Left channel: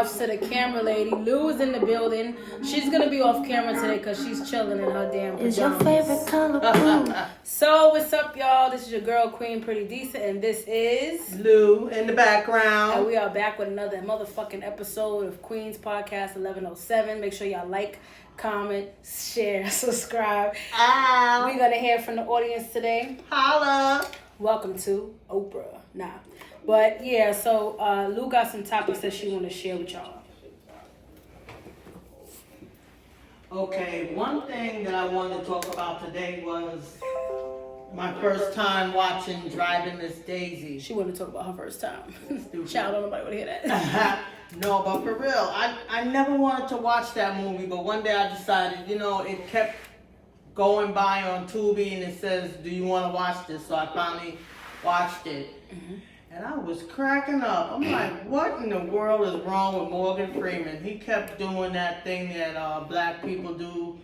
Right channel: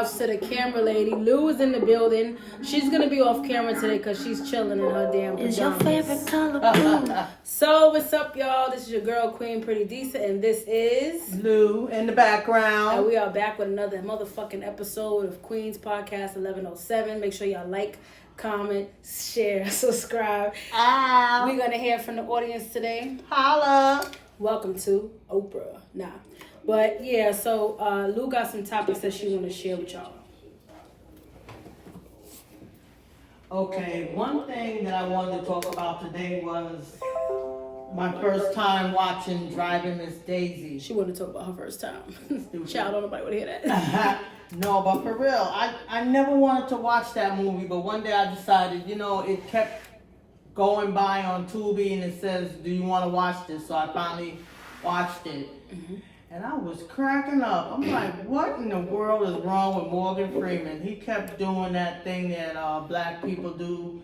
outs to the camera lady. Lou is in the building. She's gonna be off camera today because she's chilling in her damn pajamas. Is your favorite color blue? So what's up, y'all? This is your girl Queen Pretty Decent, and this is Lou in the background. And we are back with another motherfucking episode of Queen's Podcast 1107. Make sure y'all like, comment, share, subscribe. We're gonna hear from the audience today. Holla. Welcome to Oprah. Nah. But yeah, so Lou got some topics that she want to share with y'all. Okay, one thing that I wanted to talk about today was my first time watching Driving Miss Daisy. She wanted to talk about her first time. Child, don't nobody want to hear that. No, but for real, I never wanted to watch that movie, but one day I decided, it kept going by on Tubi and it says, do you want to watch this? So I finally watched it. Mm-hmm. And I was cracking up. I'm like, what in the world is wrong with Morgan Freeman? He kept doing that thing that black people do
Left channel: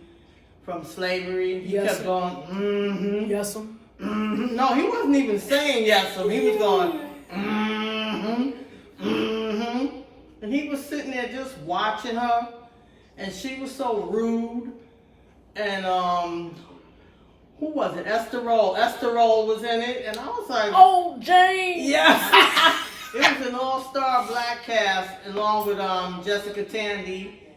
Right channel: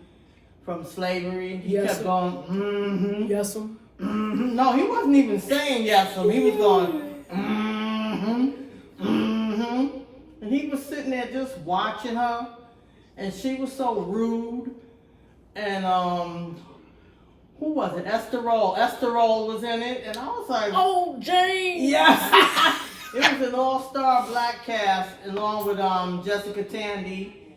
from slavery. He kept going, mm-hmm. Yes'm. Mm-hmm. No, he wasn't even saying yes'm. He was going, mm-hmm, mm-hmm. And he was sitting there just watching her. And she was so rude. And, who was it? Esther Roll. Esther Roll was in it, and I was like, "Oh, Jane!" Yes, it was an all-star black cast along with Jessica Tandy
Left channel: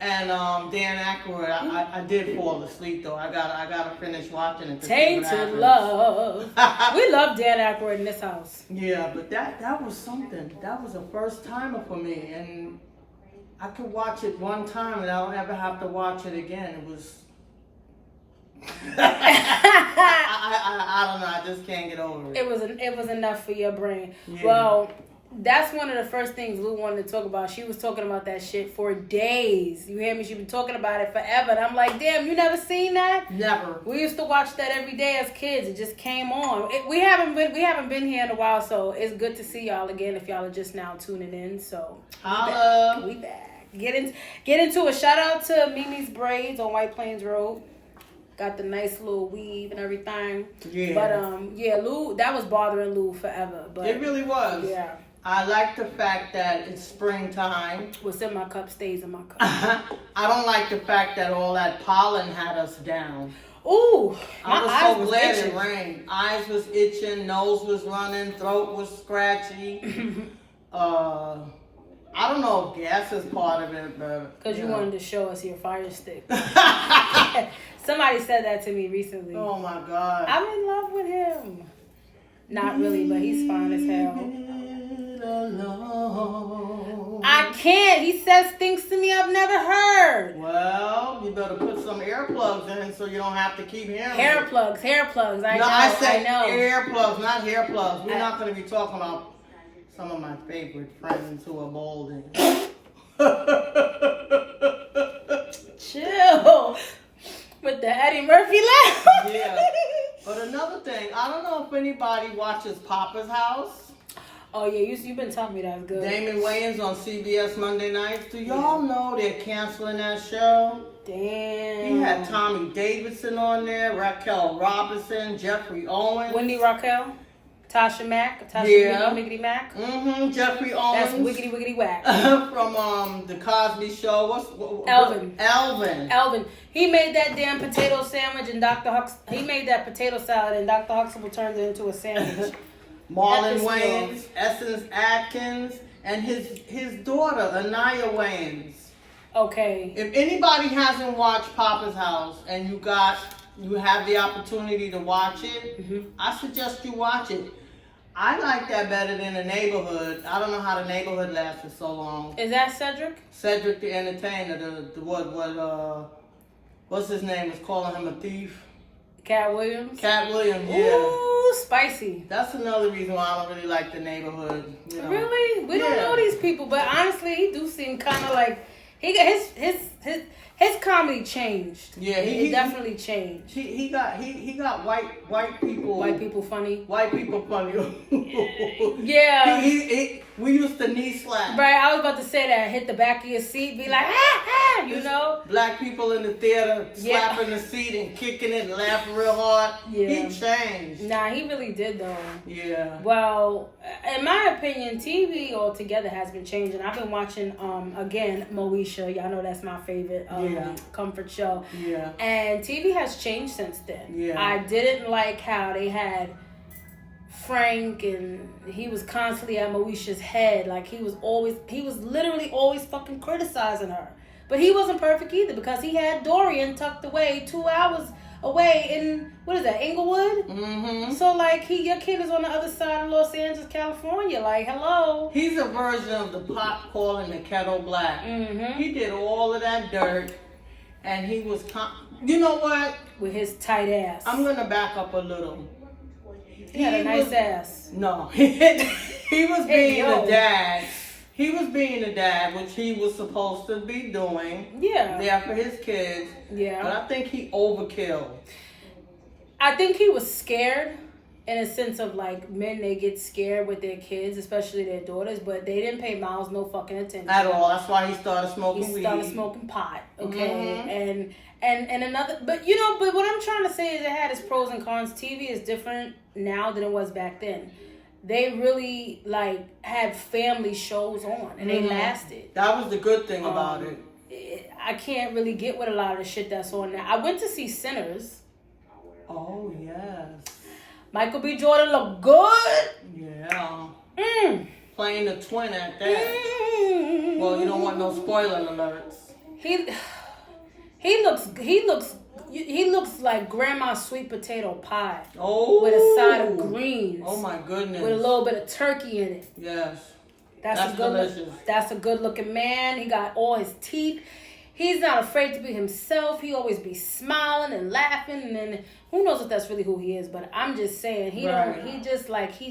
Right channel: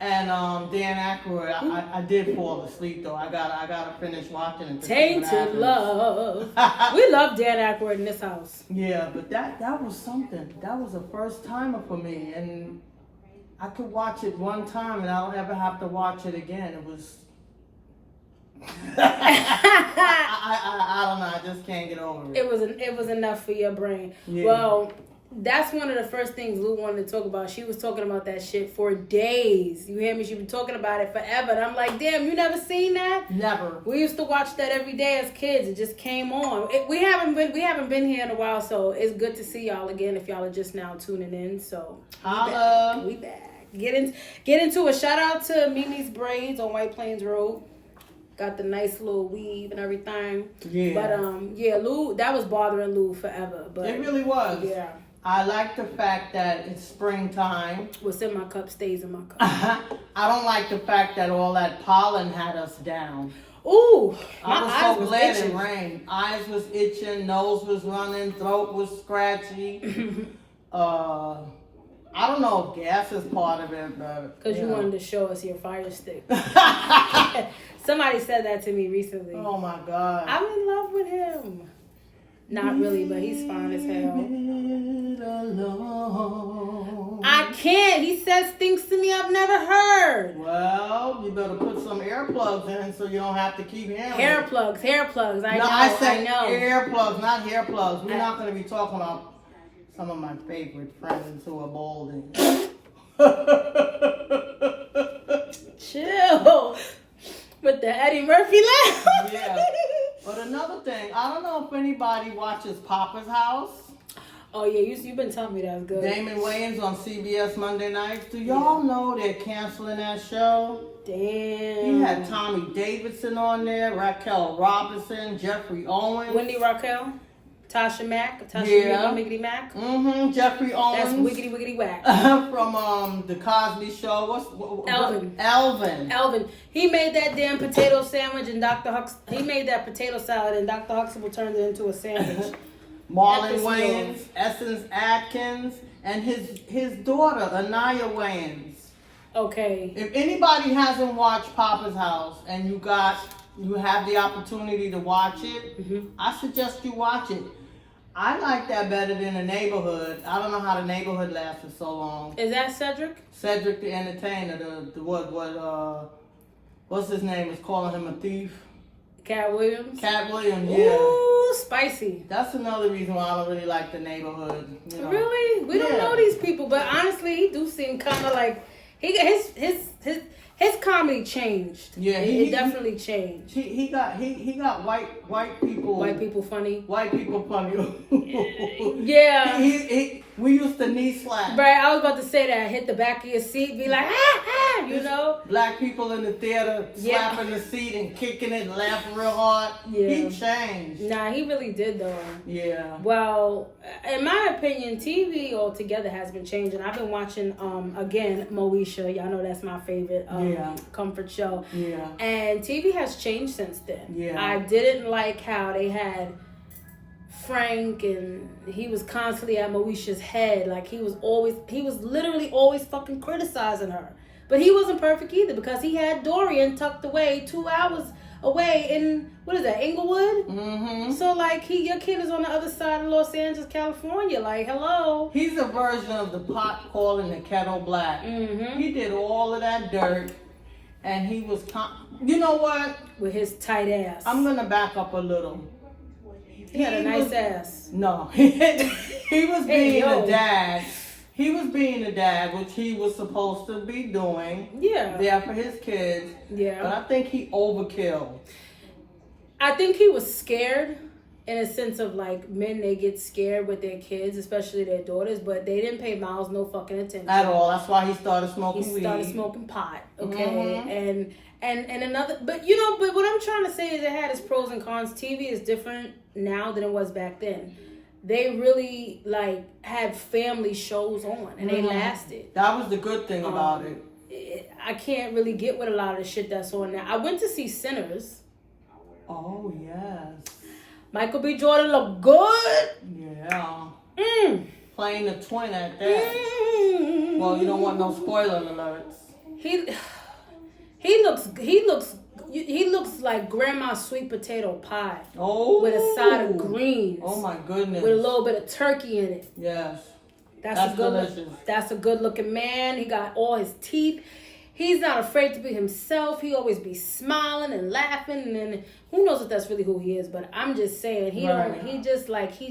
and Dan Aykroyd. I did fall asleep though. I gotta finish watching it. Tainted Love. We love Dan Aykroyd in this house. Yeah, but that was something. That was a first timer for me, and I could watch it one time, and I don't ever have to watch it again. It was. I don't know. I just can't get over it. It was enough for your brain. Yeah. Well, that's one of the first things Lou wanted to talk about. She was talking about that shit for days. You hear me? She been talking about it forever. And I'm like, damn, you never seen that? Never. We used to watch that every day as kids. It just came on. We haven't been here in a while, so it's good to see y'all again. If y'all are just now tuning in, so we back. Get into it. Shout out to Mimi's Braids on White Plains Road. Got the nice little weave and everything. Yeah. But Lou, that was bothering Lou forever. But it really was. Yeah. I like the fact that it's springtime. What's in my cup stays in my cup. I don't like the fact that all that pollen had us down. Ooh, I was so glad it rained. Eyes was itching, nose was running, throat was scratchy. I don't know if gas is part of it, but... Because you wanted to show us your fire stick. Somebody said that to me recently. Oh, my God. I'm in love with him. Not really, but he's fine as hell. I can't. He says things to me I've never heard. Well, you better put some earplugs in so you don't have to keep hearing Hair plugs. I know. Earplugs, not hair plugs. We're not going to be talking about... some of my favorite friends who are bald and chill with the Eddie Murphy laugh. Yeah. But another thing, I don't know if anybody watches Papa's House. Oh yeah, you've been telling me that's good. Damon Wayans on CBS Monday nights. Do y'all know they're canceling that show? Damn. He had Tommy Davidson on there, Raquel Robinson, Jeffrey Owens, Wendy Raquel. Tasha Miggity Mac. Mm-hmm. Jeffrey Owens. That's wiggity wiggity whack. From the Cosby Show. Elvin. He made that damn potato sandwich and he made that potato salad and Dr. Huxtable turned it into a sandwich. Marlon Wayans, Essence Atkins, and his daughter, Anaya Wayans. Okay. If anybody hasn't watched Papa's House and you have the opportunity to watch it, mm-hmm. I suggest you watch it. I like that better than The Neighborhood. I don't know how The Neighborhood lasted so long. Is that Cedric? Cedric the Entertainer. What's his name? Was calling him a thief. Cat Williams. Yeah. Ooh, spicy. That's another reason why I don't really like The Neighborhood. Really? We don't know these people, but honestly, he do seem kind of like his his comedy changed. Yeah, it definitely changed. He got white people. White people funny. White people funny. Yeah. We used to knee slap. Right, I was about to say that. Hit the back of your seat, be like, you know. Black people in the theater slapping the seat and kicking it and laughing real hard. Yeah. He changed. Nah, he really did though. Yeah. Well, in my opinion, TV altogether has been changing. I've been watching again Moesha. Y'all know that's my favorite comfort show. Yeah. And TV has changed since then. Yeah. I didn't like how they had Frank and he was constantly at Moesha's head. Like he was literally always fucking criticizing her. But he wasn't perfect either because he had Dorian tucked away 2 hours away in, what is that, Inglewood? Mm-hmm. So like your kid is on the other side of Los Angeles, California. Like, hello. He's a version of the pot calling the kettle black. Mm-hmm. He did all of that dirt and he was, you know what? With his tight ass. I'm going to back up a little. He had a nice ass. No. He was being a dad. He was being a dad, which he was supposed to be doing. Yeah. Yeah, for his kids. Yeah. But I think he overkill. I think he was scared in a sense of like men, they get scared with their kids, especially their daughters, but they didn't pay Miles no fucking attention. At all. That's why he started smoking weed. He started smoking pot, okay? Mm-hmm. And another, but you know, but what I'm trying to say is it had its pros and cons. TV is different now than it was back then. They really like had family shows on and they lasted. That was the good thing about it. I can't really get with a lot of the shit that's on now. I went to see Sinners. Oh yes. Michael B. Jordan looked good. Yeah. Playing the twin at that. Well, you don't want no spoiler alerts. He looks like grandma's sweet potato pie. Oh. With a side of greens. Oh my goodness. With a little bit of turkey in it. Yes. That's a good looking man. He got all his teeth. He's not afraid to be himself. He always be smiling and laughing, and who knows if that's really who he is, but I'm just saying he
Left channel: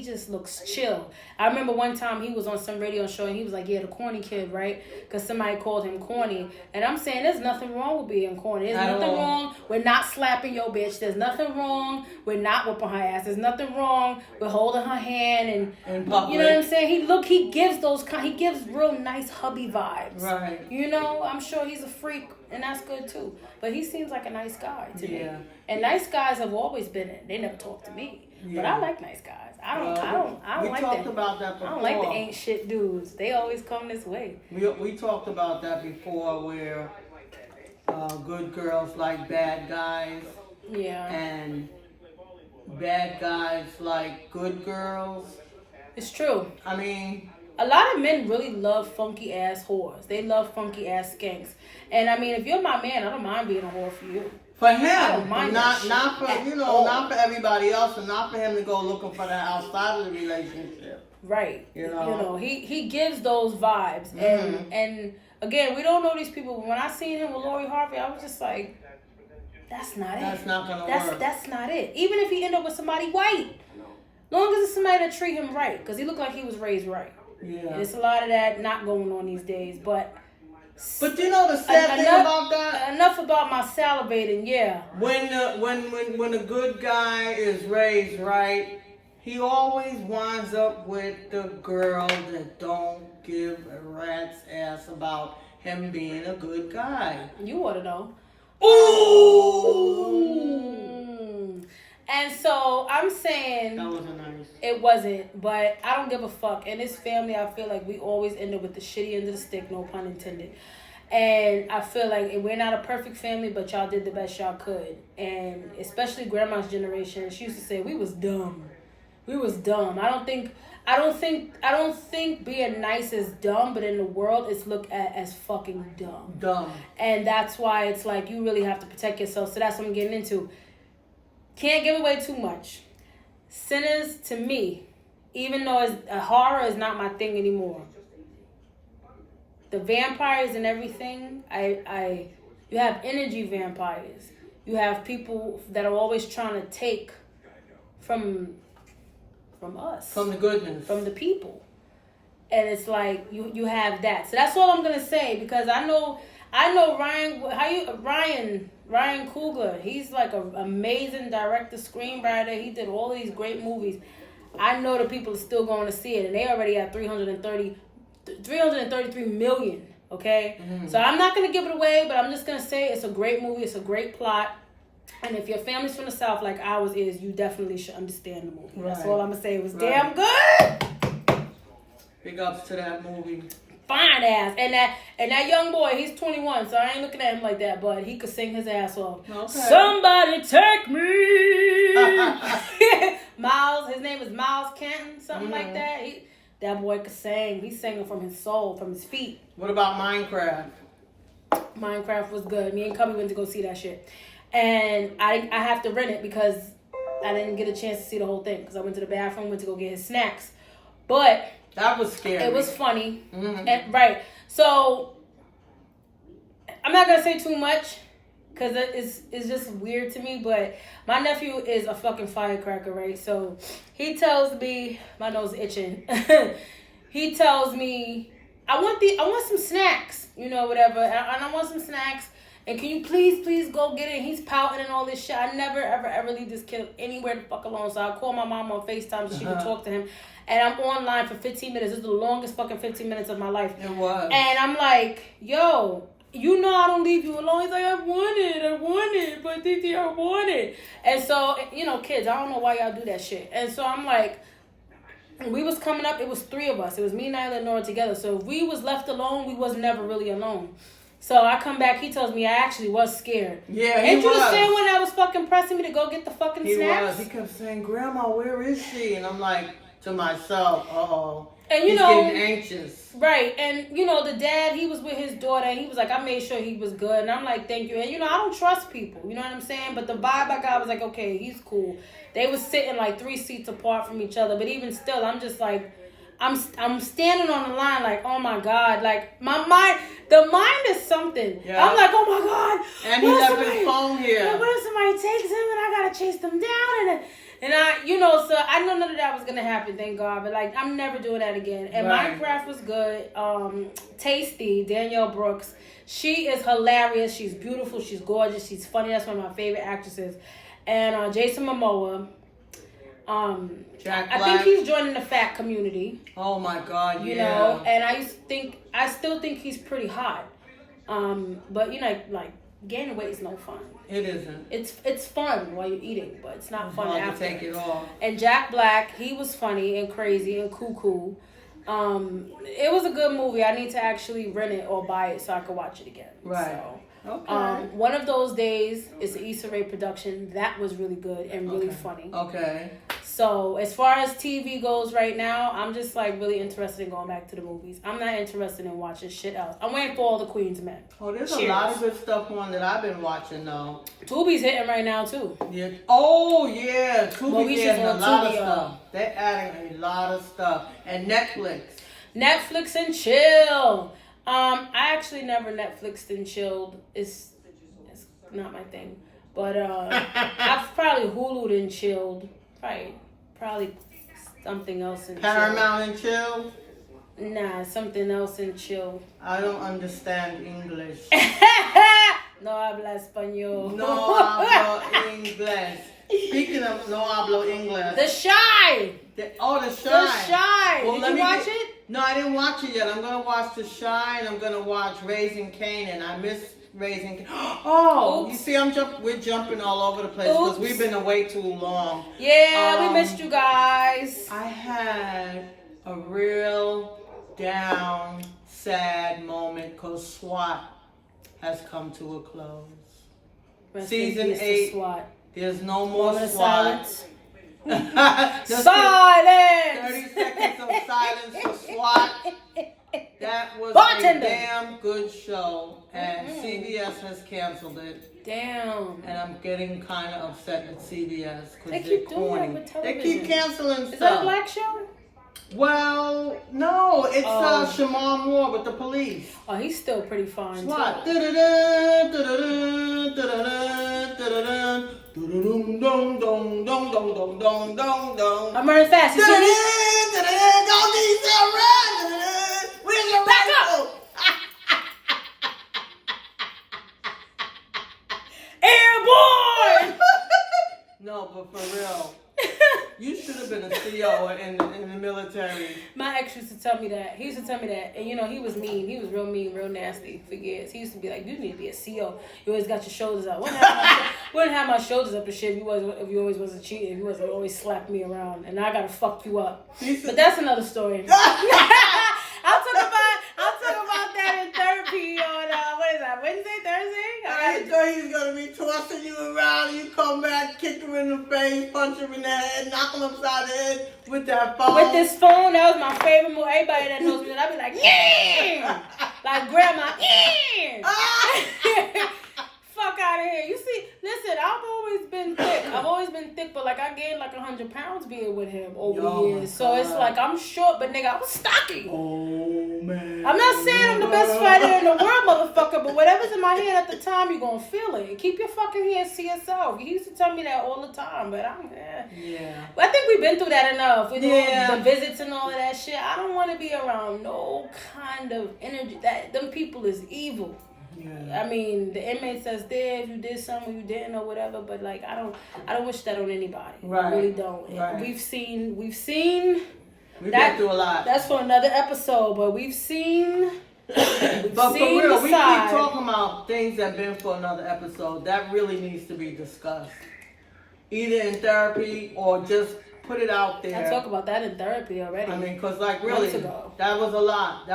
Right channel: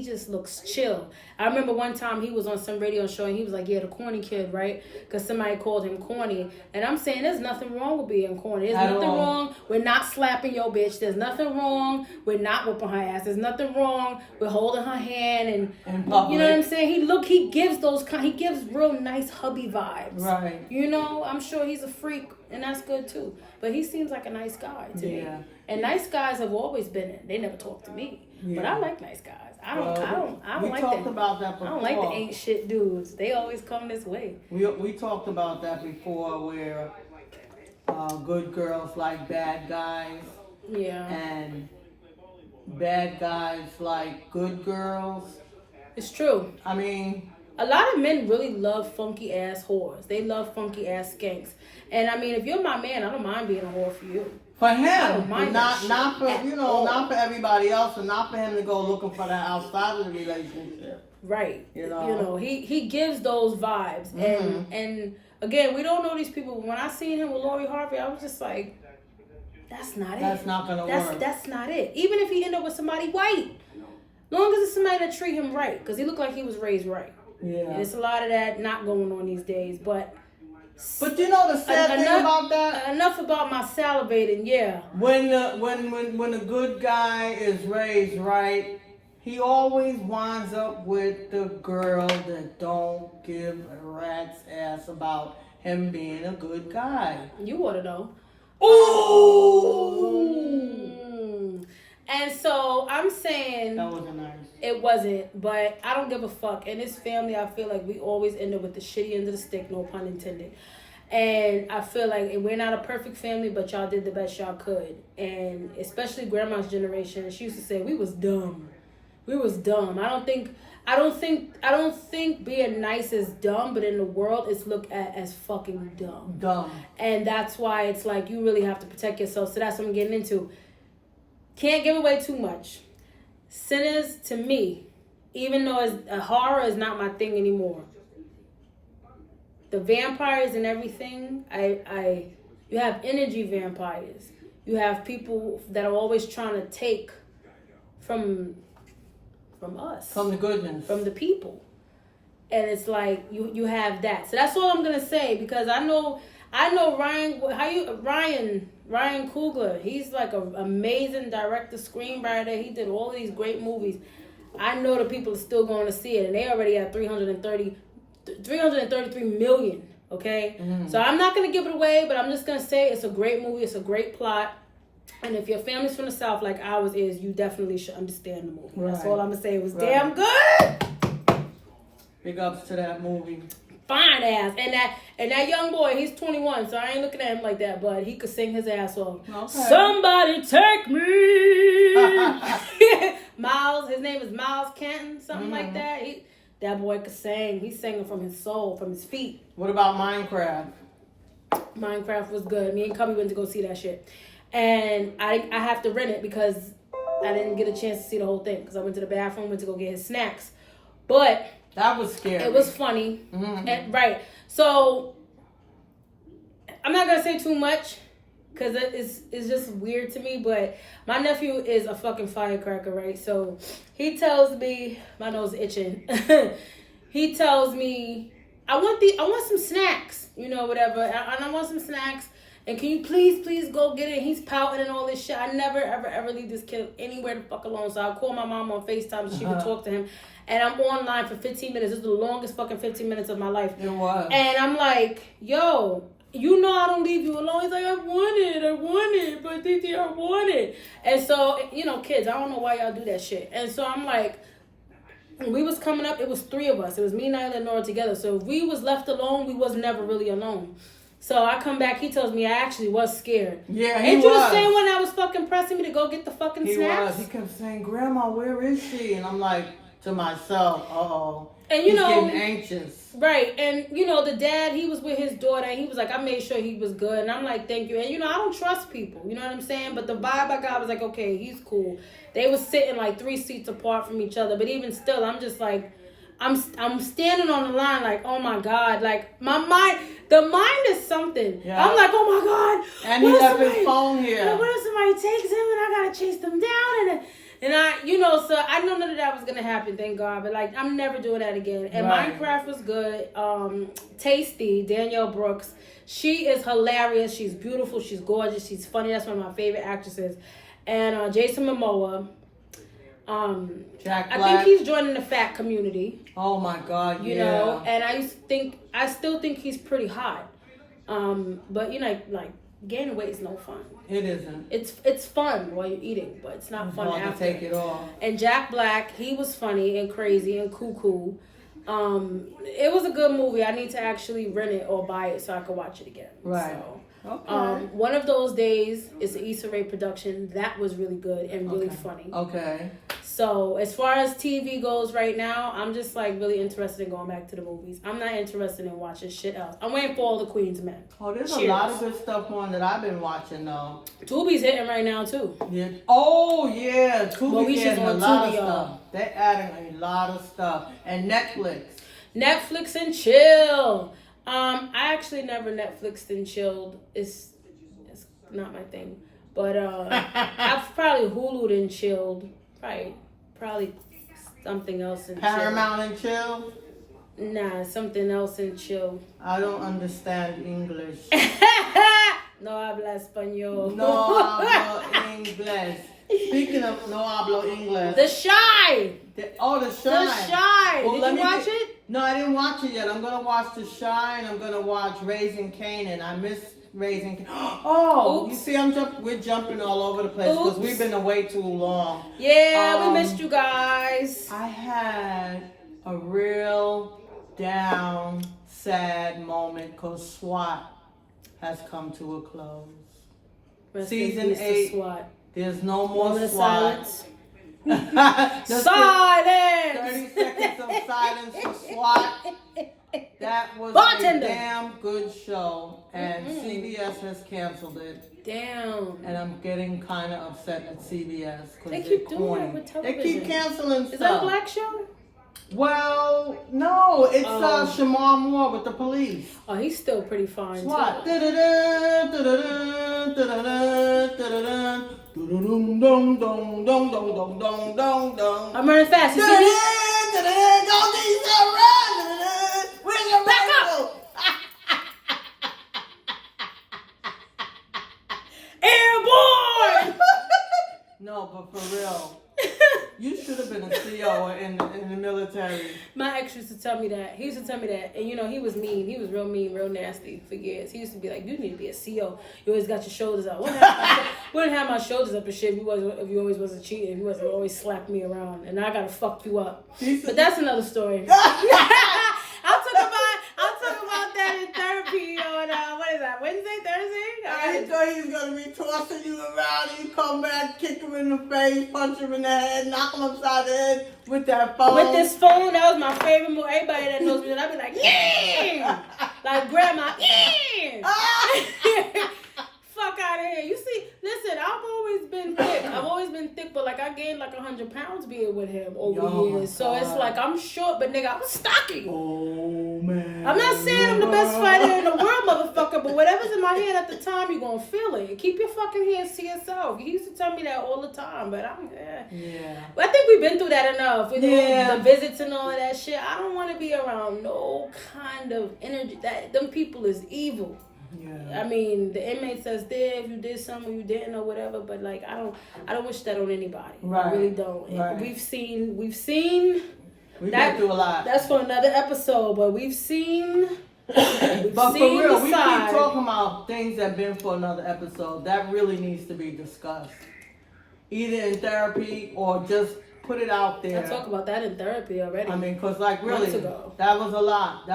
just looks chill. I remember one time he was on some radio show and he was like, yeah, the corny kid, right? Because somebody called him corny. And I'm saying there's nothing wrong with being corny. There's nothing wrong with not slapping your bitch. There's nothing wrong with not whipping her ass. There's nothing wrong with holding her hand and you know what I'm saying? He gives real nice hubby vibes. Right. You know, I'm sure he's a freak and that's good too. But he seems like a nice guy to me. And nice guys have always been in. They never talk to me. Yeah. But I like nice guys. I don't like talked about that before. I don't like the ain't shit dudes. They always come this way. We talked about that before where good girls like bad guys. Yeah. And bad guys like good girls. It's true. I mean, a lot of men really love funky ass whores. They love funky ass skanks. And I mean, if you're my man, I don't mind being a whore for you. For him, I don't mind not for not for everybody else, and not for him to go looking for that outside of the relationship. Right. You know, he gives those vibes, and again, we don't know these people. But when I seen him with Lori Harvey, I was just like, that's not it. That's not gonna work. That's not it. Even if he end up with somebody white, long as it's somebody that treat him right, because he looked like he was raised right. Yeah. And it's a lot of that not going on these days, but you know the sad thing about that? Enough about my salivating, yeah. When a good guy is raised right, he always winds up with the girl that don't give a rat's ass about him being a good guy. You ought to know. Ooh. And so I'm saying that wasn't nice. It wasn't, but I don't give a fuck. In this family, I feel like we always end up with the shitty end of the stick, no pun intended. And I feel like we're not a perfect family, but y'all did the best y'all could. And especially grandma's generation, she used to say we was dumb. We was dumb. I don't think being nice is dumb, but in the world it's looked at as fucking dumb. Dumb. And that's why it's like you really have to protect yourself. So that's what I'm getting into. Can't give away too much. Sinners, to me, even though horror is not my thing anymore. The vampires and everything, you have energy vampires. You have people that are always trying to take from us. From the goodness. From the people. And it's like you have that. So that's all I'm gonna say, because I know I know Ryan Coogler. He's like an amazing director, screenwriter. He did all of these great movies. I know the people are still going to see it, and they already have 333 million. Okay, so I'm not gonna give it away, but I'm just gonna say it's a great movie. It's a great plot, and if your family's from the South like ours is, you definitely should understand the movie. Right. That's all I'm gonna say. It was damn good. Big ups to that movie. Fine ass, and that young boy, he's 21, so I ain't looking at him like that, but he could sing his ass off. Okay. Somebody take me. Miles, his name is Miles Canton, something like that. That boy could sing. He's singing from his soul, from his feet. What about Minecraft? Minecraft was good. Me and Cubby went to go see that shit, and I have to rent it because I didn't get a chance to see the whole thing because I went to the bathroom, went to go get his snacks, but. That was scary. It was funny. And, right. So, I'm not going to say too much because it's just weird to me. But my nephew is a fucking firecracker, right? So, he tells me, my nose is itching. He tells me, I want some snacks, whatever. And I want some snacks. And can you please go get it? He's pouting and all this shit. I never, ever leave this kid anywhere the fuck alone. So I'll call my mom on FaceTime so she can talk to him. And I'm online for 15 minutes. This is the longest fucking 15 minutes of my life. It was. And I'm like, yo, I don't leave you alone. He's like, I want it. But Titi, I want it. And so, kids, I don't know why y'all do that shit. And so I'm like, we was coming up. It was 3 of us. It was me, Nyla, and Nora together. So if we was left alone, we was never really alone. So I come back, he tells me I actually was scared. Yeah, Ain't you the same one that was fucking pressing me to go get the fucking snacks? He kept saying, Grandma, where is she? And I'm like, to myself, uh-oh. And he's getting anxious. Right. And, the dad, he was with his daughter, and he was like, I made sure he was good. And I'm like, thank you. And, I don't trust people. You know what I'm saying? But the vibe I got was like, okay, he's cool. They was sitting like 3 seats apart from each other. But even still, I'm just like, I'm standing on the line like, oh my God, like the mind is something. Yeah. I'm like, oh my God. And he left his phone here. What if somebody takes him and I gotta chase them down and I, so I know none of that was gonna happen, thank God. But like, I'm never doing that again. And right. Minecraft was good. Tasty, Danielle Brooks. She is hilarious. She's beautiful. She's gorgeous. She's funny. That's one of my favorite actresses. And Jason Momoa. Jack Black. I think he's joining the fat community. Oh my God, you know, and I still think he's pretty hot. But like gaining weight is no fun. It isn't. It's fun while you're eating, but it's not fun after. Take it off. And Jack Black, he was funny and crazy and cuckoo. It was a good movie. I need to actually rent it or buy it so I could watch it again. Right. So, okay. One of those days is the Issa Rae production. That was really good and really funny. Okay. So as far as TV goes right now, I'm just like really interested in going back to the movies. I'm not interested in watching shit else. I'm waiting for all the Queen's Men. Oh, there's a lot of good stuff on that I've been watching though. Tubi's hitting right now too. Yeah. Oh yeah, Tubi's getting a lot of stuff. They're adding a lot of stuff. And Netflix and chill. I actually never Netflixed and chilled. It's not my thing. But I've probably Hulu'd and chilled. Probably something else and chill. Paramount and chill? Nah, something else and chill. I don't understand English. No habla español. No hablo inglés. Speaking of no hablo English. The Chi. The Chi. The Chi. Well, did you watch it? No, I didn't watch it yet. I'm going to watch The Chi and I'm going to watch Raising Kanan. I miss Raising Kanan. Oh, oops. You see, we're jumping all over the place because we've been away too long. Yeah, we missed you guys. I had a real down, sad moment because SWAT has come to a close. Season 8. SWAT. There's no more SWAT. Silence. Silence! 30 seconds of silence for SWAT. That was a damn good show. And CBS has canceled it. Damn. And I'm getting kind of upset at CBS. They keep doing that with television. They keep canceling stuff. Is that a black show? Well, no. It's Shamar Moore with the police. Oh, he's still pretty fine, SWAT. too. I'm running fast. You see me? Back up! but for real. You should have been a CO in the military. My ex used to tell me that. He used to tell me that. And, you know, he was mean. He was real mean, real nasty for years. He used to be like, you need to be a CO. You always got your shoulders out. Wouldn't have my shoulders up and shit if you always wasn't cheating. If you wasn't always slapping me around. And I got to fuck you up. But that's another story. I'll talk about that in therapy on, what is that, Wednesday, Thursday? I thought he was going to be tossing you around and you come back, kick him in the face, punch him in the head, knock him upside the head with that phone. With this phone, that was my favorite move. Everybody that knows me, I'd be like, yeah! Like grandma, yeah! Fuck out of here. You see, listen, I've always been thick, but like I gained like 100 pounds being with him over the years. So it's like I'm short, but nigga, I'm stocky. Oh, man. I'm not saying I'm the best fighter in the world, motherfucker, but whatever's in my head at the time, you're gonna feel it. Keep your fucking hands to yourself. He used to tell me that all the time, but But I think we've been through that enough with all the visits and all of that shit. I don't want to be around no kind of energy. Them people is evil. I mean, the inmate says there if you did something you didn't or whatever, but like I don't wish that on anybody. Right. I really don't. Right. We've seen been through a lot. That's for another episode, but we've seen but for real, we keep talking about things that have been for another episode. That really needs to be discussed. Either in therapy or just put it out there. I talk about that in therapy already. I mean, because like really, that was a lot.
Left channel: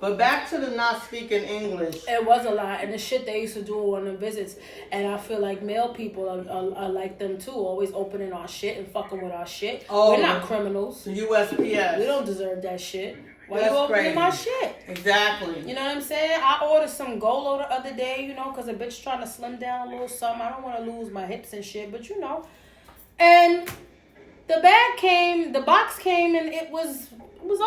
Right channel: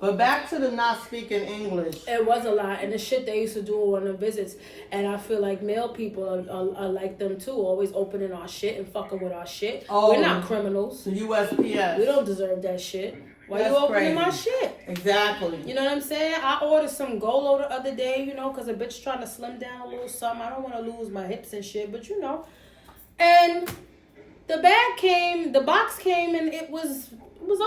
But back to the not speaking English. It was a lot. And the shit they used to do on the visits. And I feel like male people are like them too. Always opening our shit and fucking with our shit. Oh, we're not criminals. The USPS. We don't deserve that shit. Why you opening my shit? Exactly. You know what I'm saying? I ordered some Golo the other day, you know, because a bitch trying to slim down a little something. I don't want to lose my hips and shit, but you know. And the box came and it was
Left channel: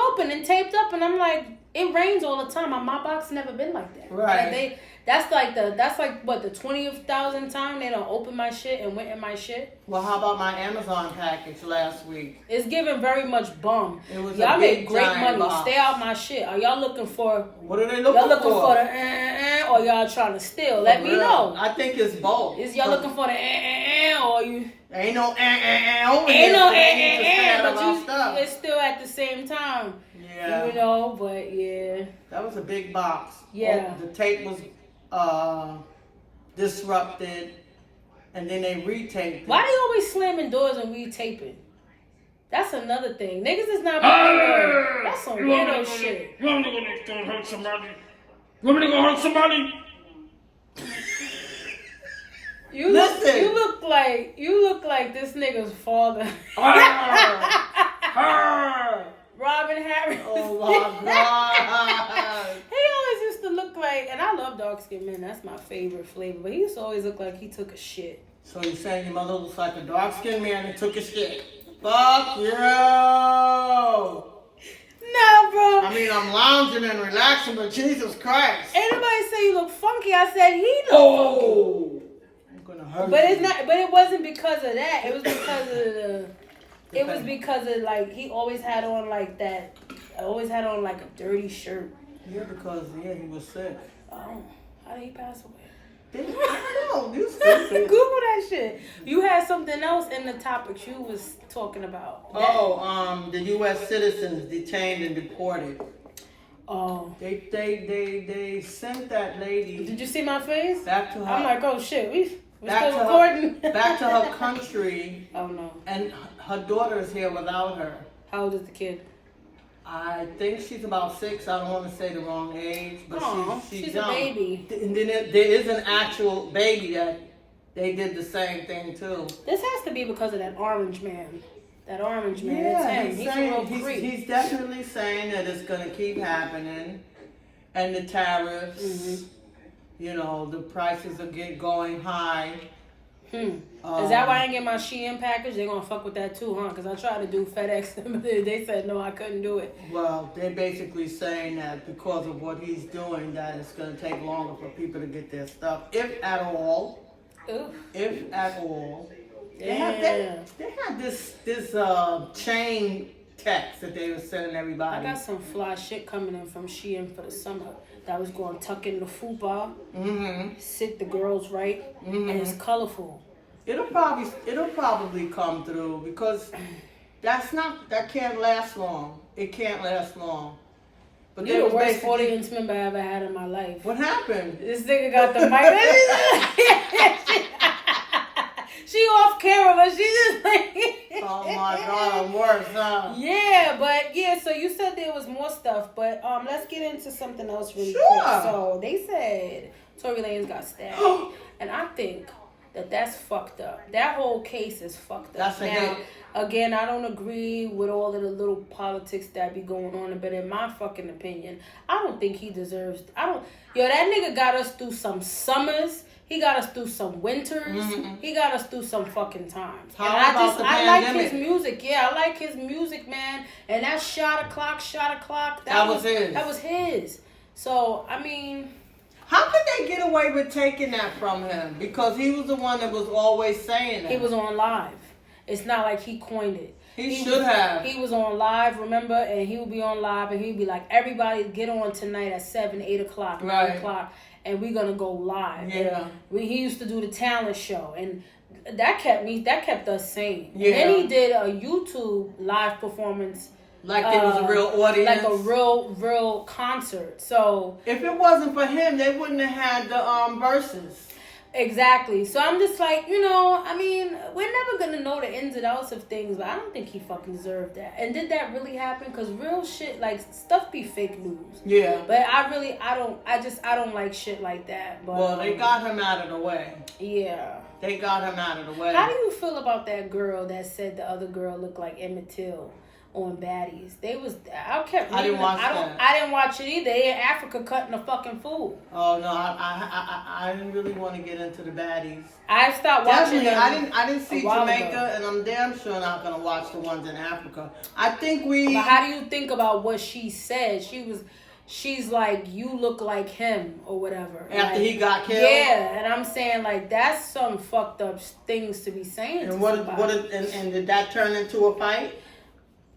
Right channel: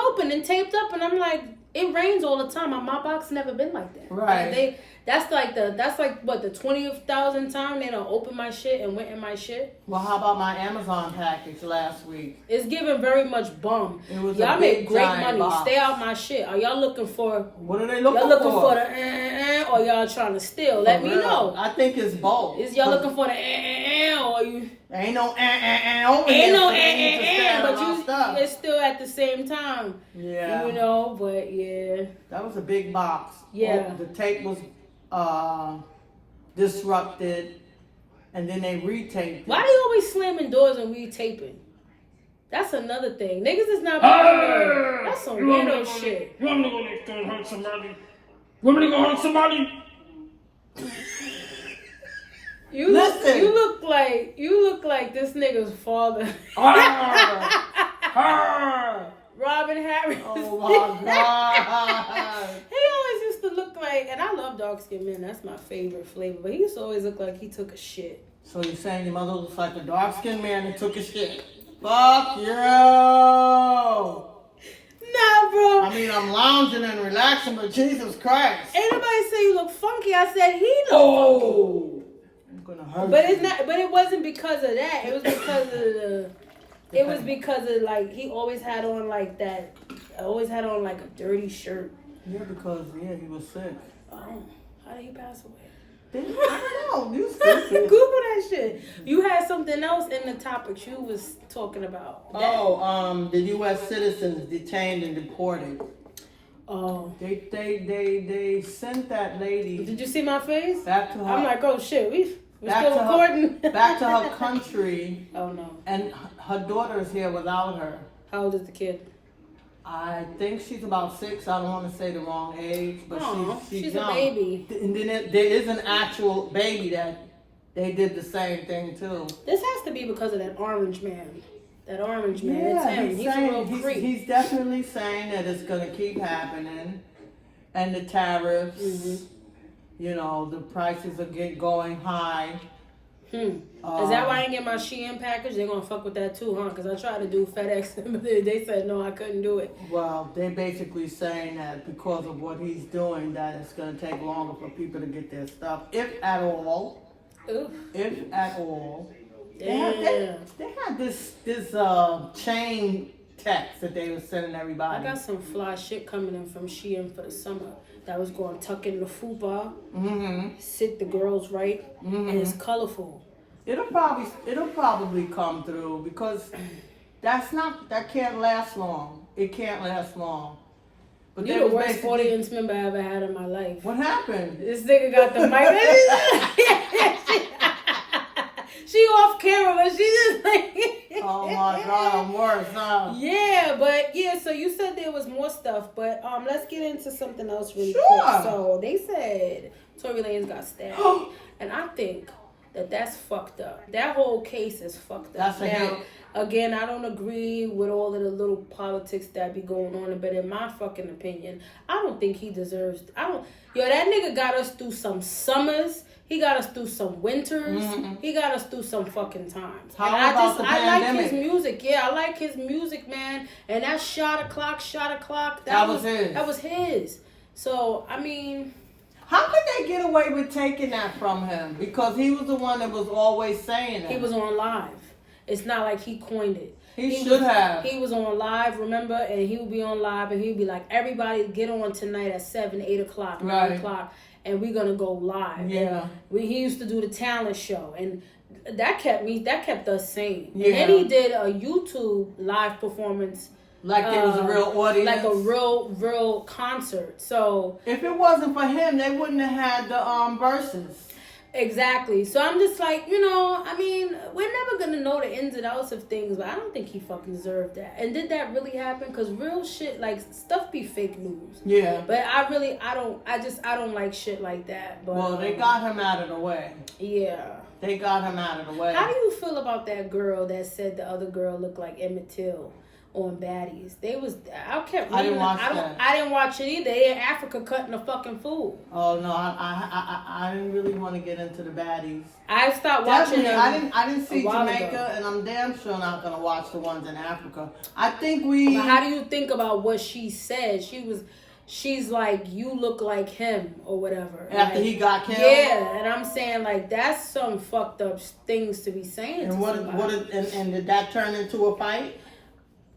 open and taped up. And I'm like, it rains all the time. My box never been like that. Right. That's like the 20,000th time they don't open my shit and went in my shit. Well, how about my Amazon package last week? It's giving very much bum. Y'all make great money. Box. Stay out my shit. Are y'all looking for? What are they looking for? Y'all looking for the or y'all trying to steal? Let me know. I think it's both. Is y'all looking for the or you? Ain't no Ain't no but it's still at the same time. Yeah. You know, but yeah. That was a big box. Yeah. The tape was disrupted, and then they retaped it. Why they always slamming doors and retaping? That's another thing. Niggas is not being That's some weirdo shit. You want me to go hurt somebody? You want me to go hurt somebody? You look like this nigga's father. Robin Harris. Oh my God. He always used to look like, and I love dark skinned men. That's my favorite flavor. But he used to always look like he took a shit. So you're saying your mother looks like a dark skinned man that took a shit? Fuck you. Nah, bro. I mean, I'm lounging and relaxing, but Jesus Christ. Ain't nobody say you look funky. I said he look funky. I'm gonna hurt but you. it's not. But it wasn't because of that. It was because of the. It was because of like he always had on like that. Always had on like a dirty shirt. Yeah, because he was sick. Oh, how did he pass away? I don't know. You stupid. Google that shit. You had something else in the topics you was talking about. The U.S. citizens detained and deported. Oh. They sent that lady. Did you see my face? Back to her. I'm like, oh shit, we're still recording. Back to her country. Oh no. And her daughter is here without her. How old is the kid? I think she's about 6. I don't want to say the wrong age, but she's a baby. And then there is an actual baby that they did the same thing too. This has to be because of that orange man. That orange man. Yeah, it's him. He's a real creep. He's definitely saying that it's going to keep happening. And the tariffs, you know, the prices are going high. Is that why I didn't get my Shein package? They're going to fuck with that too, huh? Because I tried to do FedEx, but they said no, I couldn't do it. Well, they're basically saying that because of what he's doing, that it's going to take longer for people to get their stuff, if at all. Oof. If at all. Damn. They had this chain text that they were sending everybody. I got some fly shit coming in from Shein for the summer that was going to tuck in the fupa, sit the girls right, and it's colorful. It'll probably come through because that can't last long. It can't last long. But you're the worst audience member I ever had in my life. What happened? This nigga got the mic. She off camera, but she just like. Oh my God, I'm worse now. Yeah, but yeah. So you said there was more stuff, but let's get into something else really quick. So they said Tory Lanez got stabbed, and I think that's fucked up. That whole case is fucked up. Now, again, I don't agree with all of the little politics that be going on, but in my fucking opinion, I don't think he deserves. That nigga got us through some summers. He got us through some winters. Mm-hmm. He got us through some fucking times. I like his music. Yeah, I like his music, man. And that shot o'clock. That was his. So, I mean, how could they get away with taking that from him? Because he was the one that was always saying it. He was on live. It's not like he coined it. He should have. He was on live, remember? And he would be on live and he'd be like, everybody get on tonight at 7, 8 o'clock, 9 o'clock. And we're going to go live. Yeah. He used to do the talent show. And that kept us sane. Yeah. And then he did a YouTube live performance. Like there was a real audience. Like a real concert. So if it wasn't for him, they wouldn't have had the verses. Exactly. So I'm just like, I mean, we're never going to know the ins and outs of things, but I don't think he fucking deserved that. And did that really happen? Because real shit, like, stuff be fake news. Yeah. But I don't like shit like that. But, well, they got him out of the way. Yeah. They got him out of the way. How do you feel about that girl that said the other girl looked like Emmett Till on Baddies? I didn't watch it either. They in Africa cutting a fucking fool. Oh no, I didn't really want to get into the Baddies. I stopped watching them. I didn't see Jamaica, and I'm damn sure not gonna watch the ones in Africa. I think But how do you think about what she said? She's like, you look like him or whatever. After he got killed? Yeah, and I'm saying like that's some fucked up things to be saying and to somebody. And did that turn into a fight?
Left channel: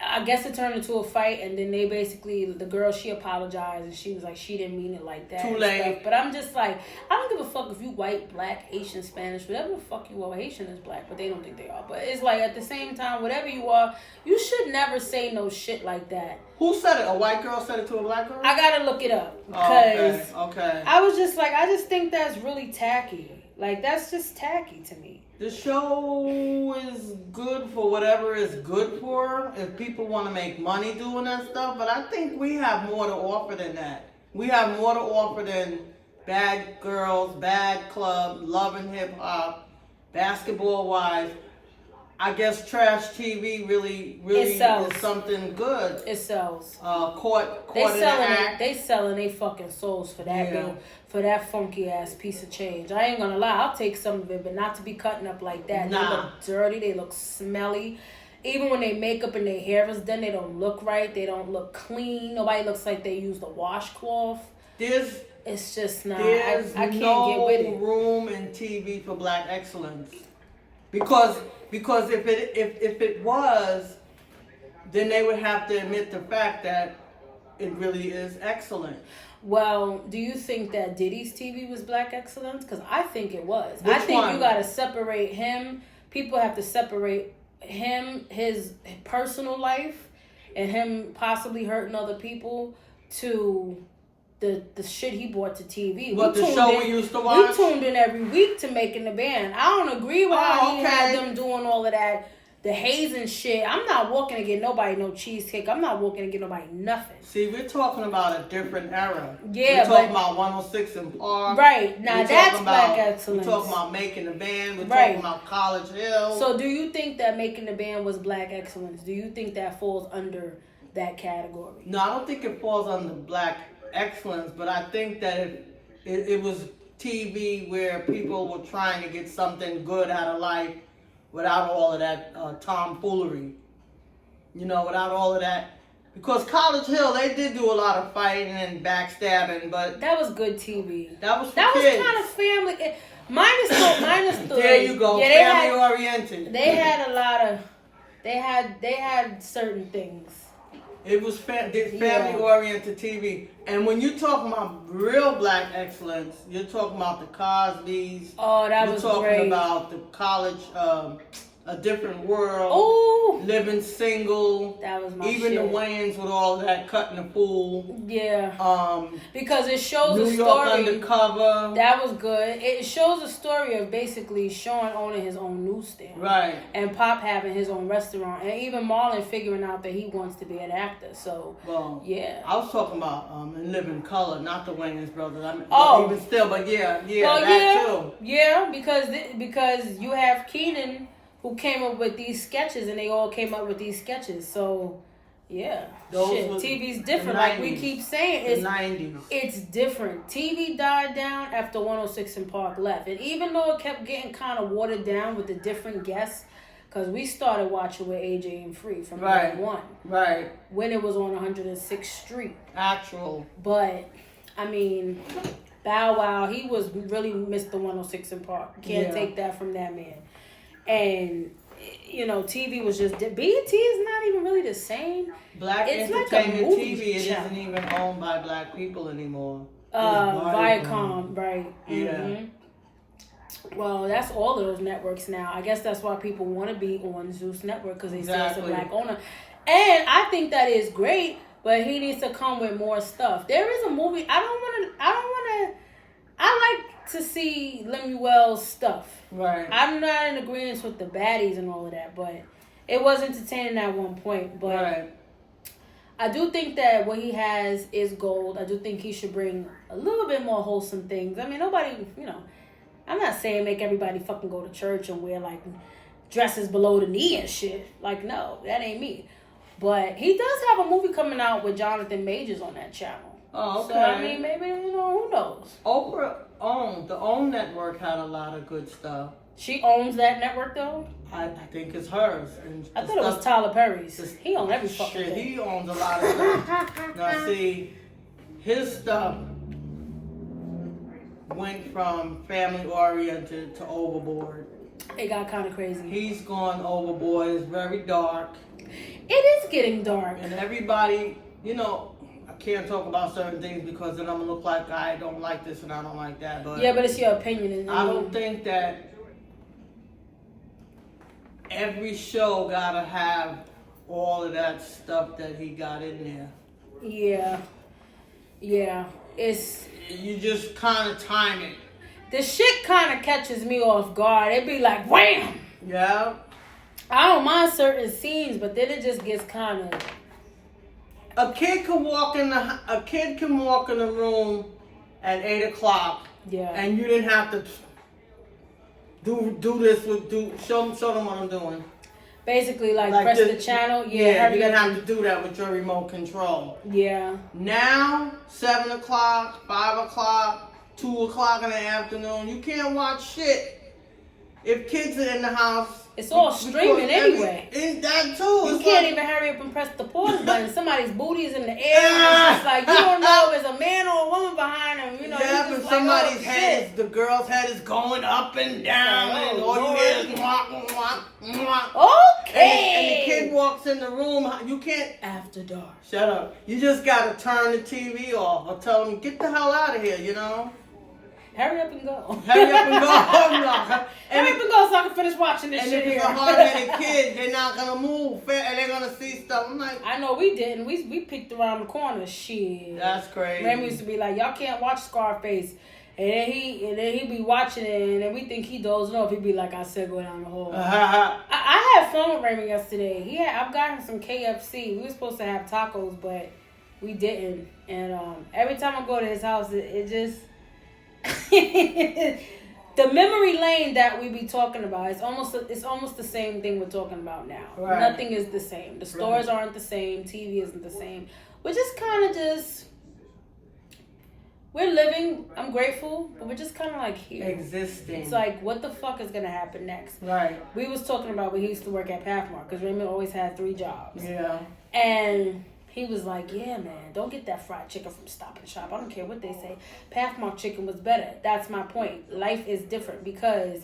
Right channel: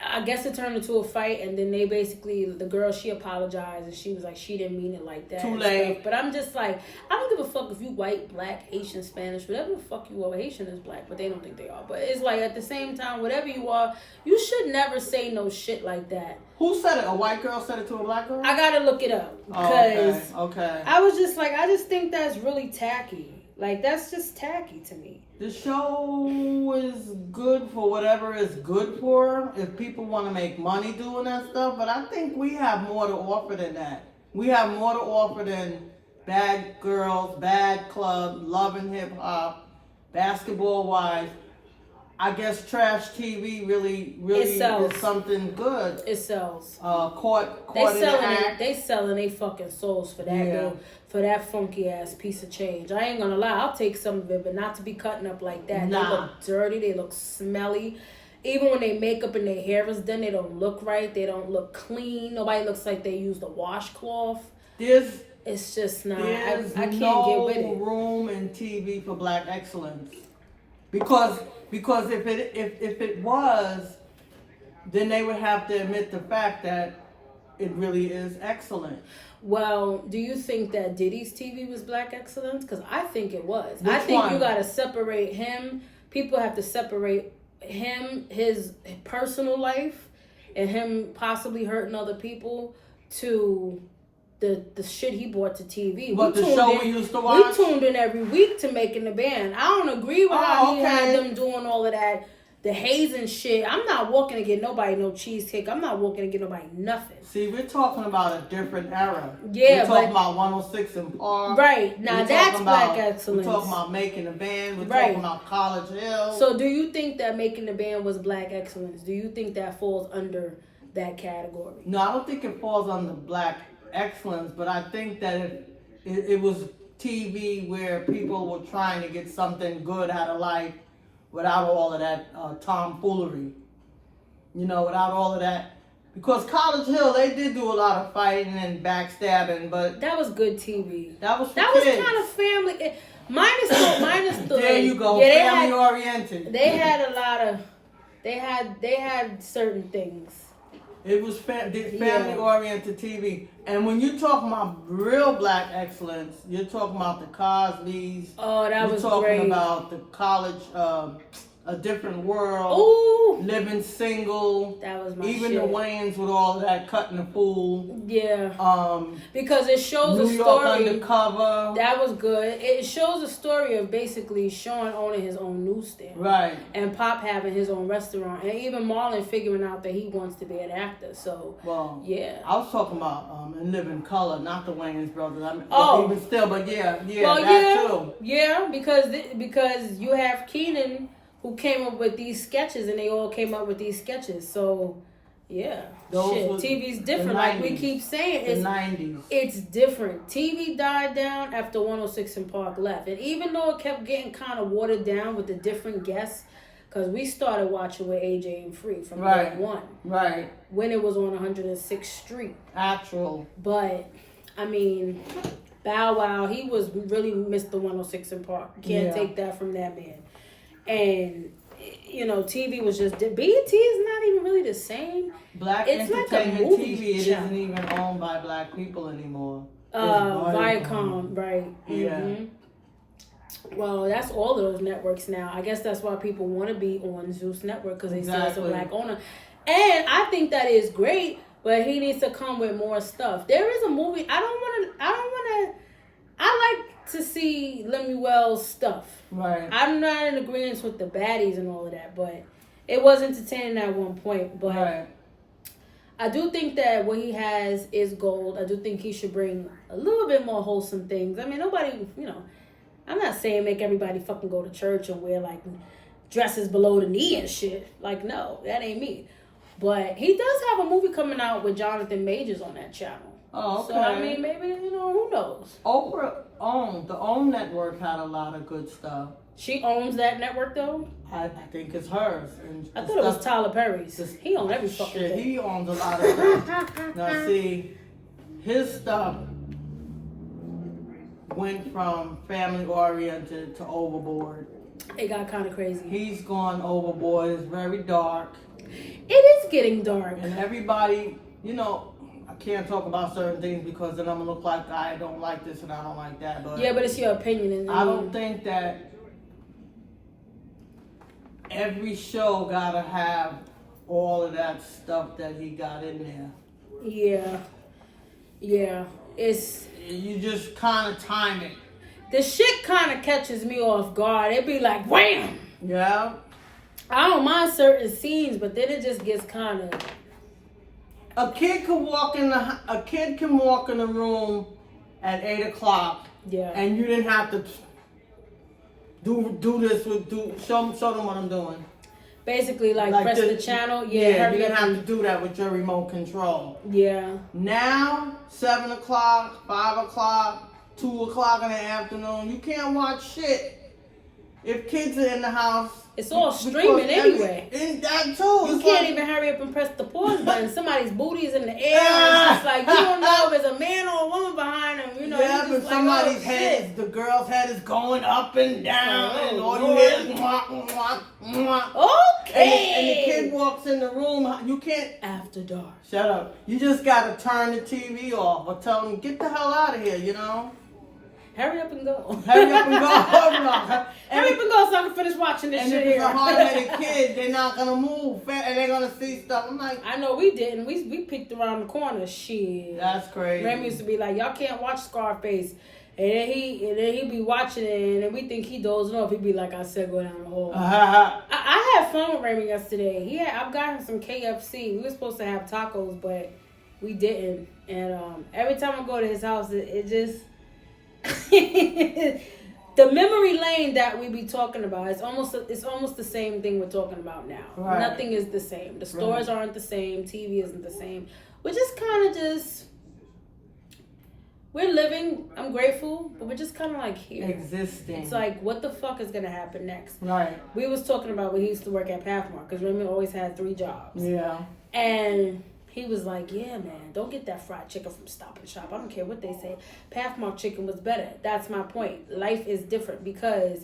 I guess it turned into a fight, and then they basically, the girl, she apologized, and she was like, she didn't mean it like that. Too late. But I'm just like, I don't give a fuck if you white, black, Asian, Spanish, whatever the fuck you are. Haitian is black, but they don't think they are. But it's like, at the same time, whatever you are, you should never say no shit like that. Who said it? A white girl said it to a black girl? I gotta look it up. Because okay. I was just like, I just think that's really tacky. Like, that's just tacky to me. The show is good for whatever it's good for, if people want to make money doing that stuff, but I think we have more to offer than that. We have more to offer than Bad Girls, Bad Club, Love and Hip Hop, Basketball Wives. I guess trash TV really is something good. It sells. Caught they in selling the act. They selling they fucking souls for that for that funky ass piece of change. I ain't gonna lie, I'll take some of it, but not to be cutting up like that. Nah. They look dirty. They look smelly. Even when they makeup and their hair is done, they don't look right. They don't look clean. Nobody looks like they used a washcloth. It's just not. I can't get with it. There's no room in TV for black excellence. Because if it was, then they would have to admit the fact that it really is excellent. Well, do you think that Diddy's TV was black excellence? Because I think it was. Which I think one? You got to separate him. People have to separate him, his personal life, and him possibly hurting other people to the shit he brought to TV. But the show we used to watch? We tuned in every week to Making the Band. I don't agree with how he had them doing all of that, the hazing shit. I'm not walking to get nobody no cheesecake. I'm not walking to get nobody nothing. See, we're talking about a different era. Yeah, we're talking about 106 and Park. Right. Now that's black excellence. We're talking about Making the Band. We're talking about College Hill. So do you think that Making the Band was black excellence? Do you think that falls under that category? No, I don't think it falls under black excellence, but I think that it was TV where people were trying to get something good out of life without all of that tomfoolery. Without all of that. Because College Hill, they did do a lot of fighting and backstabbing, but that was good TV. That was kind of family. Minus the. There you go. Yeah, family oriented. They had a lot of. They had certain things. It was family-oriented TV. And when you talk about real black excellence, you're talking about the Cosbys. Oh, that was great. You're talking about the college, A Different World. Ooh. Living Single. That was my Even shit. the Wayans with all that Cutting the Fool. Yeah. Because it shows New a York story. Undercover. That was good. It shows a story of basically Sean owning his own newsstand. Right. And Pop having his own restaurant. And even Marlon figuring out that he wants to be an actor. So, well, yeah. I was talking about In Living Color, not the Wayans brothers. Even still, but yeah, well, that too. Yeah, because you have Keenan who came up with these sketches, and they all came up with these sketches. So, yeah. TV's different. Like we keep saying, it's the 90s. It's different. TV died down after 106 and Park left. And even though it kept getting kind of watered down with the different guests, because we started watching with AJ and Free from day one. Right. When it was on 106th Street. Actual. But, I mean, Bow Wow, he was really Mr. 106 and Park. Can't take that from that man. And, you know, TV was just... BET is not even really the same. Black it's entertainment like a movie TV, it channel. isn't even owned by black people anymore. Viacom, right. Yeah. Mm-hmm. Well, that's all of those networks now. I guess that's why people want to be on Zeus Network, because they say it's a black owner. And I think that is great, but he needs to come with more stuff. There is a movie. I like to see Lemuel's stuff. Right. I'm not in agreement with the baddies and all of that, but it was entertaining at one point. But I do think that what he has is gold. I do think he should bring a little bit more wholesome things. I mean, nobody, you know, I'm not saying make everybody fucking go to church and wear like dresses below the knee and shit. Like, no, that ain't me. But he does have a movie coming out with Jonathan Majors on that channel. Oh, okay. So, I mean, maybe, you know, who knows? Oprah the OWN network had a lot of good stuff. She owns that network, though? I think it's hers. And I thought it was Tyler Perry's. He owns every fucking thing. He owns a lot of stuff. Now, see, his stuff went from family-oriented to overboard. It got kind of crazy. He's gone overboard. It's very dark. It is getting dark. And everybody, you know, I can't talk about certain things because then I'm going to look like I don't like this and I don't like that. But yeah, but it's your opinion. And I don't think that every show got to have all of that stuff that he got in there. Yeah. Yeah. You just kind of time it. The shit kind of catches me off guard. It be like, wham! Yeah. I don't mind certain scenes, but then it just gets kind of... A kid can walk in the room at 8 o'clock. Yeah. And you didn't have to show them what I'm doing. Basically, like press the channel. Yeah, you didn't have to do that with your remote control. Yeah. Now, 7 o'clock, 5 o'clock, 2 o'clock in the afternoon, you can't watch shit. If kids are in the house... It's all streaming anyway. It's that too. You can't even hurry up and press the pause button. Somebody's booty is in the air. And it's just like, you don't know if it's a man or a woman behind them. You know, yeah, but like, somebody's head, the girl's head is going up and down. Like, and all Lord. you hear is mwah, mwah, mwah. Okay. And the kid walks in the room. You can't. After dark. Shut up. You just got to turn the TV off or tell them, get the hell out of here, you know? Hurry up and go. Hurry up and go. Hurry up and go so I can finish watching this shit here. And if it's a hard-headed kid, they're not going to move. And they're going to see stuff. I'm like... I know we didn't. We peeked around the corner. Shit. That's crazy. Remy used to be like, y'all can't watch Scarface. And then he'd be watching it, and then we think he dozing off. He'd be like, I said, go down the hall. I had fun with Raymond yesterday. I've got him some KFC. We were supposed to have tacos, but we didn't. And every time I go to his house, it just... the memory lane that we be talking about, it's almost the same thing we're talking about now. Right. Nothing is the same. The stores aren't the same. TV isn't the same. We're just kind of just... We're living, I'm grateful, but we're just kind of like here. Existing. It's like, what the fuck is going to happen next? Right. We was talking about when he used to work at Pathmark, because Raymond always had 3 jobs. Yeah. And he was like, yeah, man, don't get that fried chicken from Stop and Shop. I don't care what they say. Pathmark chicken was better. That's my point. Life is different because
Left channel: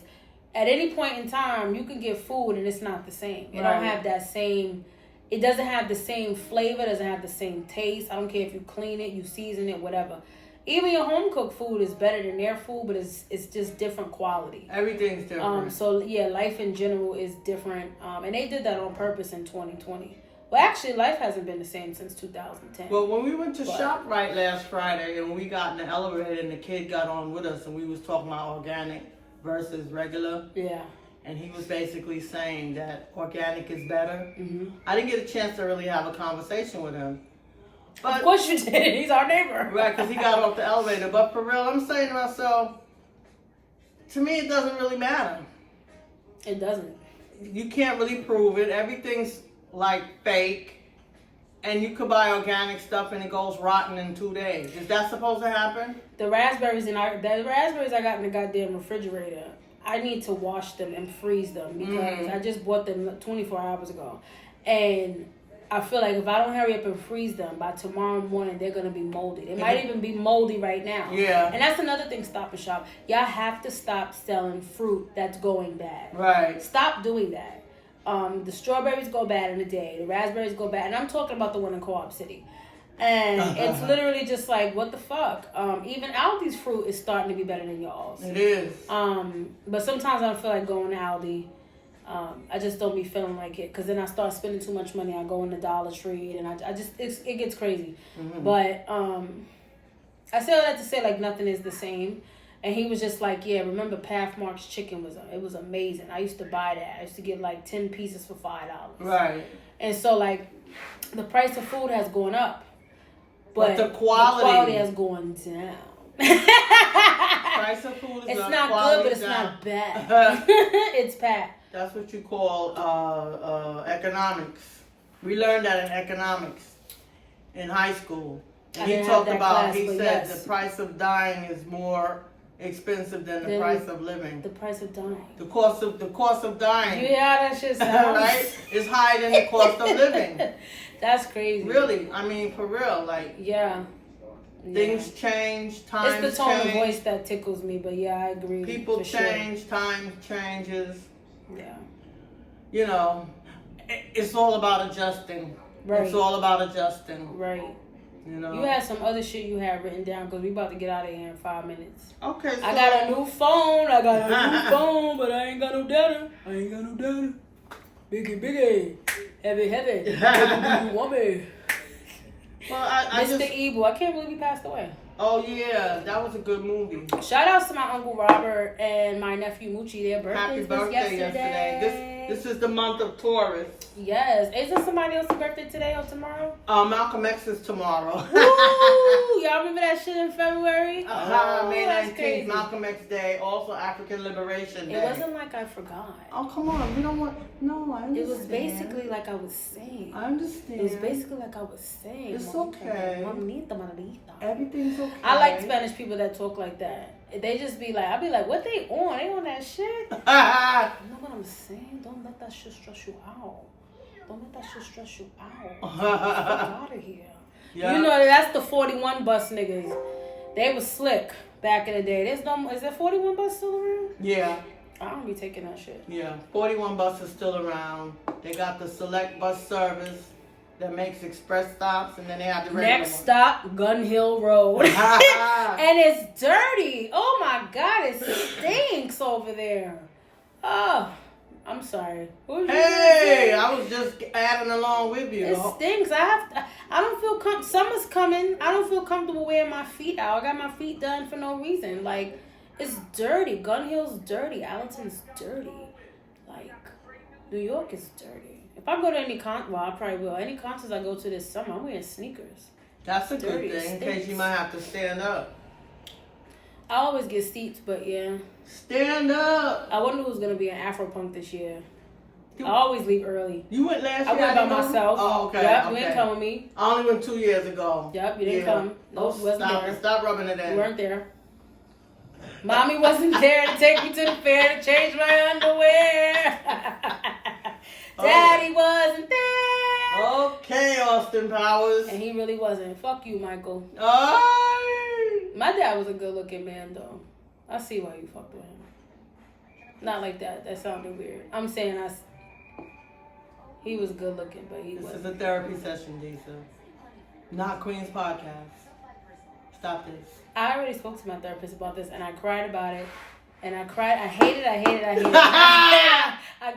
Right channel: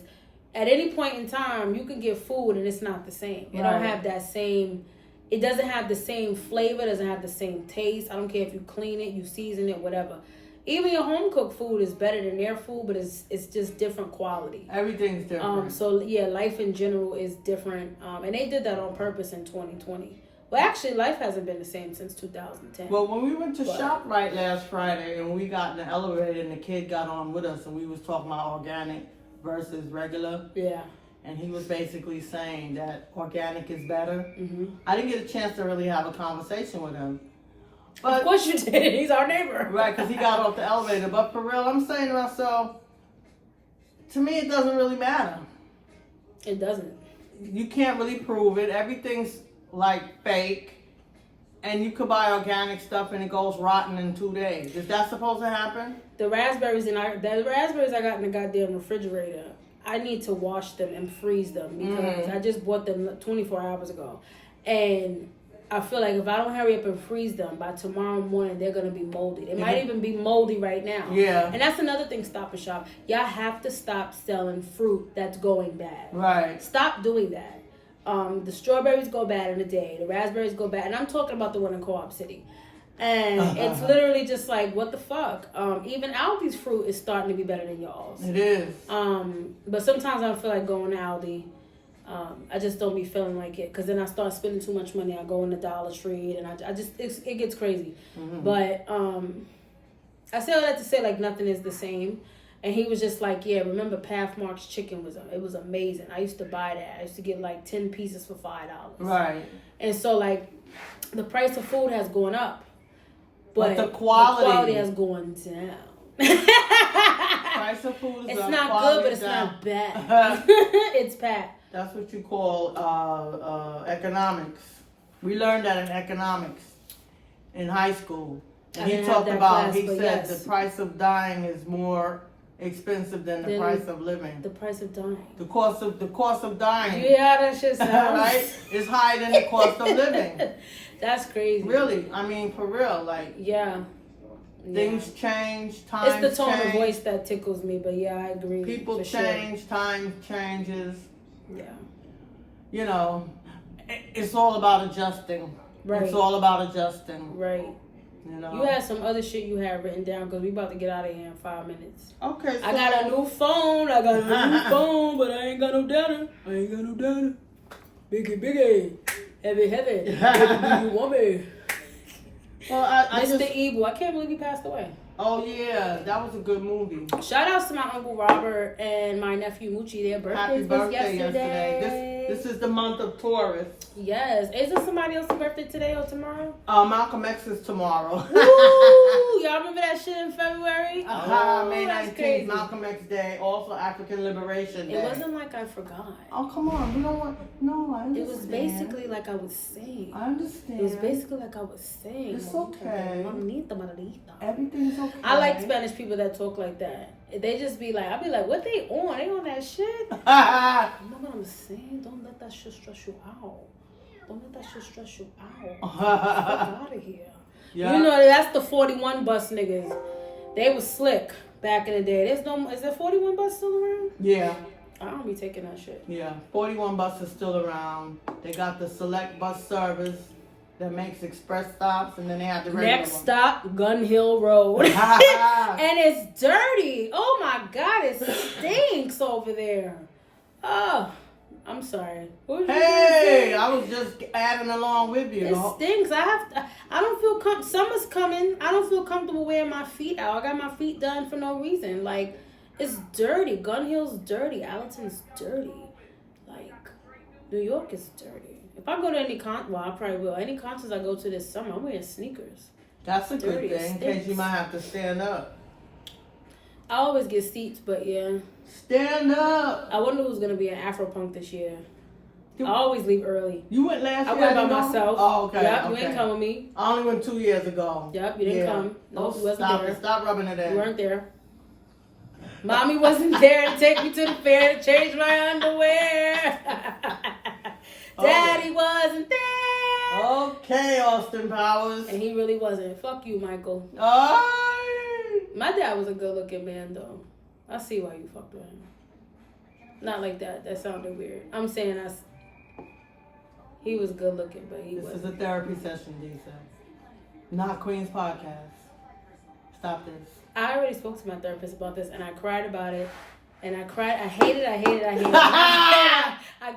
at any point in time, you can get food and it's not the same. It don't have that same it doesn't have the same flavor, doesn't have the same taste. I don't care if you clean it, you season it, whatever. Even your home cooked food is better than their food, but it's just different quality. Everything's different. So yeah, life in general is different. And they did that on purpose in 2020. Well, actually, life hasn't been the same since 2010. Well, when we went to ShopRite last Friday and we got in the elevator and the kid got on with us and we was talking about organic versus regular. Yeah. And he was basically saying that organic is better. Mm-hmm. I didn't get a chance to really have a conversation with him. But, of course you did. He's our neighbor. Right, because he got off the elevator. But for real, I'm saying to myself, to me, it doesn't really matter. It doesn't. You can't really prove it. Everything's like fake. And you could buy organic stuff and it goes rotten in 2 days. Is that supposed to happen? The raspberries I got in the goddamn refrigerator, I need to wash them and freeze them because I just bought them 24 hours ago. And I feel like if I don't hurry up and freeze them, by tomorrow morning, they're going to be moldy. It might even be moldy right now. Yeah. And that's another thing, Stop and Shop. Y'all have to stop selling fruit that's going bad. Right. Stop doing that. The strawberries go bad in a day. The raspberries go bad. And I'm talking about the one in Co-op City. And it's literally just like, what the fuck? Even Aldi's fruit is starting to be better than y'all's. It is. But sometimes I don't feel like going to Aldi. I just don't be feeling like it. Because then I start spending too much money. I go in the Dollar Tree and I just, it gets crazy. Mm-hmm. But I say all that to say like nothing is the same. And he was just like, yeah, remember Pathmark's chicken it was amazing. I used to buy that. I used to get like 10 pieces for $5. Right. And so like the price of food has gone up. But the quality has gone down. Price of food is it's not good, but it's down. not bad. It's Pat. That's what you call economics. We learned that in economics in high school. And he talked about, he said the price of dying is more expensive than the price of living. The price of dying. The cost of dying. You hear how that shit sounds? Right? Is higher than the cost of living. That's crazy. Really, I mean, for real, like. Yeah. Things change, times change. It's the tone of voice that tickles me, but yeah, I agree. People change, time changes. Yeah. You know, it's all about adjusting. Right. It's all about adjusting. Right. You know. You had some other shit you had written down because we about to get out of here in 5 minutes. Okay. So I got a new phone. But I ain't got no data. Biggie. Heavy. Heavy do you want me? Well, Mr. Evil. I can't believe he passed away. Oh, yeah. That was a good movie. Shout outs to my Uncle Robert and my nephew Moochie. Their birthdays was yesterday. This is the month of Taurus. Yes. Isn't somebody else's birthday today or tomorrow? Malcolm X is tomorrow. Woo! Y'all remember that shit in February? May 19th, crazy. Malcolm X Day, also African Liberation Day. It wasn't like I forgot. Oh, come on. We don't want... No, I understand. It was basically like I was saying. I understand. It was basically like I was saying. It's okay. Mamita. Everything's okay. I like Spanish people that talk like that. They just be like, I be like, what they on? They on that shit? You know what I'm saying? Don't let that shit stress you out. Don't let that shit stress you out. Fuck out of here. Yeah. You know, that's the 41 bus niggas. They was slick back in the day. Is there 41 bus still around? Yeah. I don't be taking that shit. Yeah. 41 bus is still around. They got the select bus service that makes express stops, and then they have the next stop, Gun Hill Road. And it's dirty. Oh my God, it stinks over there. Oh, I'm sorry. Hey, I was just adding along with you. It stinks. I don't feel summer's coming. I don't feel comfortable wearing my feet out. I got my feet done for no reason. Like, it's dirty. Gun Hill's dirty. Allenton's dirty. Like, New York is dirty. If I go to any I probably will. Any concerts I go to this summer, I'm wearing sneakers. That's a dirty, good thing, in case you might have to stand up. I always get seats, but yeah. Stand up. I wonder who's gonna be in Afropunk this year. I always leave early. You went last year? I went by myself. Oh, okay. Yep, okay. you didn't come with me. I only went 2 years ago. Yep, you didn't come. Nope, you wasn't there. Stop rubbing it in. You weren't there. Mommy wasn't there to take me to the fair to change my underwear. Daddy wasn't there. Okay, Austin Powers. And he really wasn't. Fuck you, Michael. Aye. My dad was a good looking man, though. I see why you fucked with him. Not like that. That sounded weird. I'm saying He was good looking, but he wasn't. This is a therapy session, Lisa. Not Queen's podcast. Stop this. I already spoke to my therapist about this, and I cried about it. And I cried. I hated it. I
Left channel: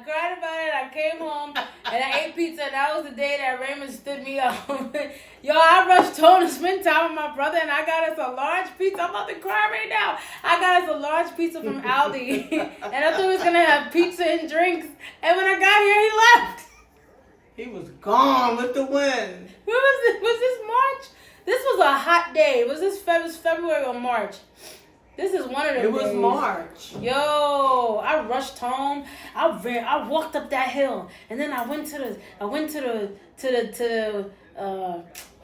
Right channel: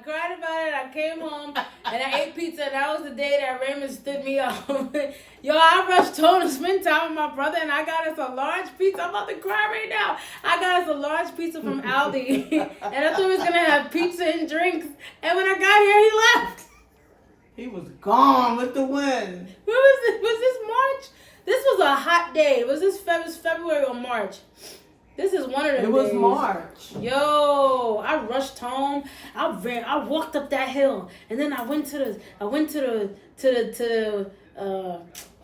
cried about it. I came home and I ate pizza. And that was the day that Raymond stood me up. Yo, I rushed home to spend time with my brother, and I got us a large pizza. I'm about to cry right now. I got us a large pizza from Aldi, and I thought we was gonna have pizza and drinks. And when I got here, he left. He was gone with the wind. When was this? Was this March? This was a hot day. Was this February or March? This is one of them. It was days. March. Yo, I rushed home. I walked up that hill, and then I went to the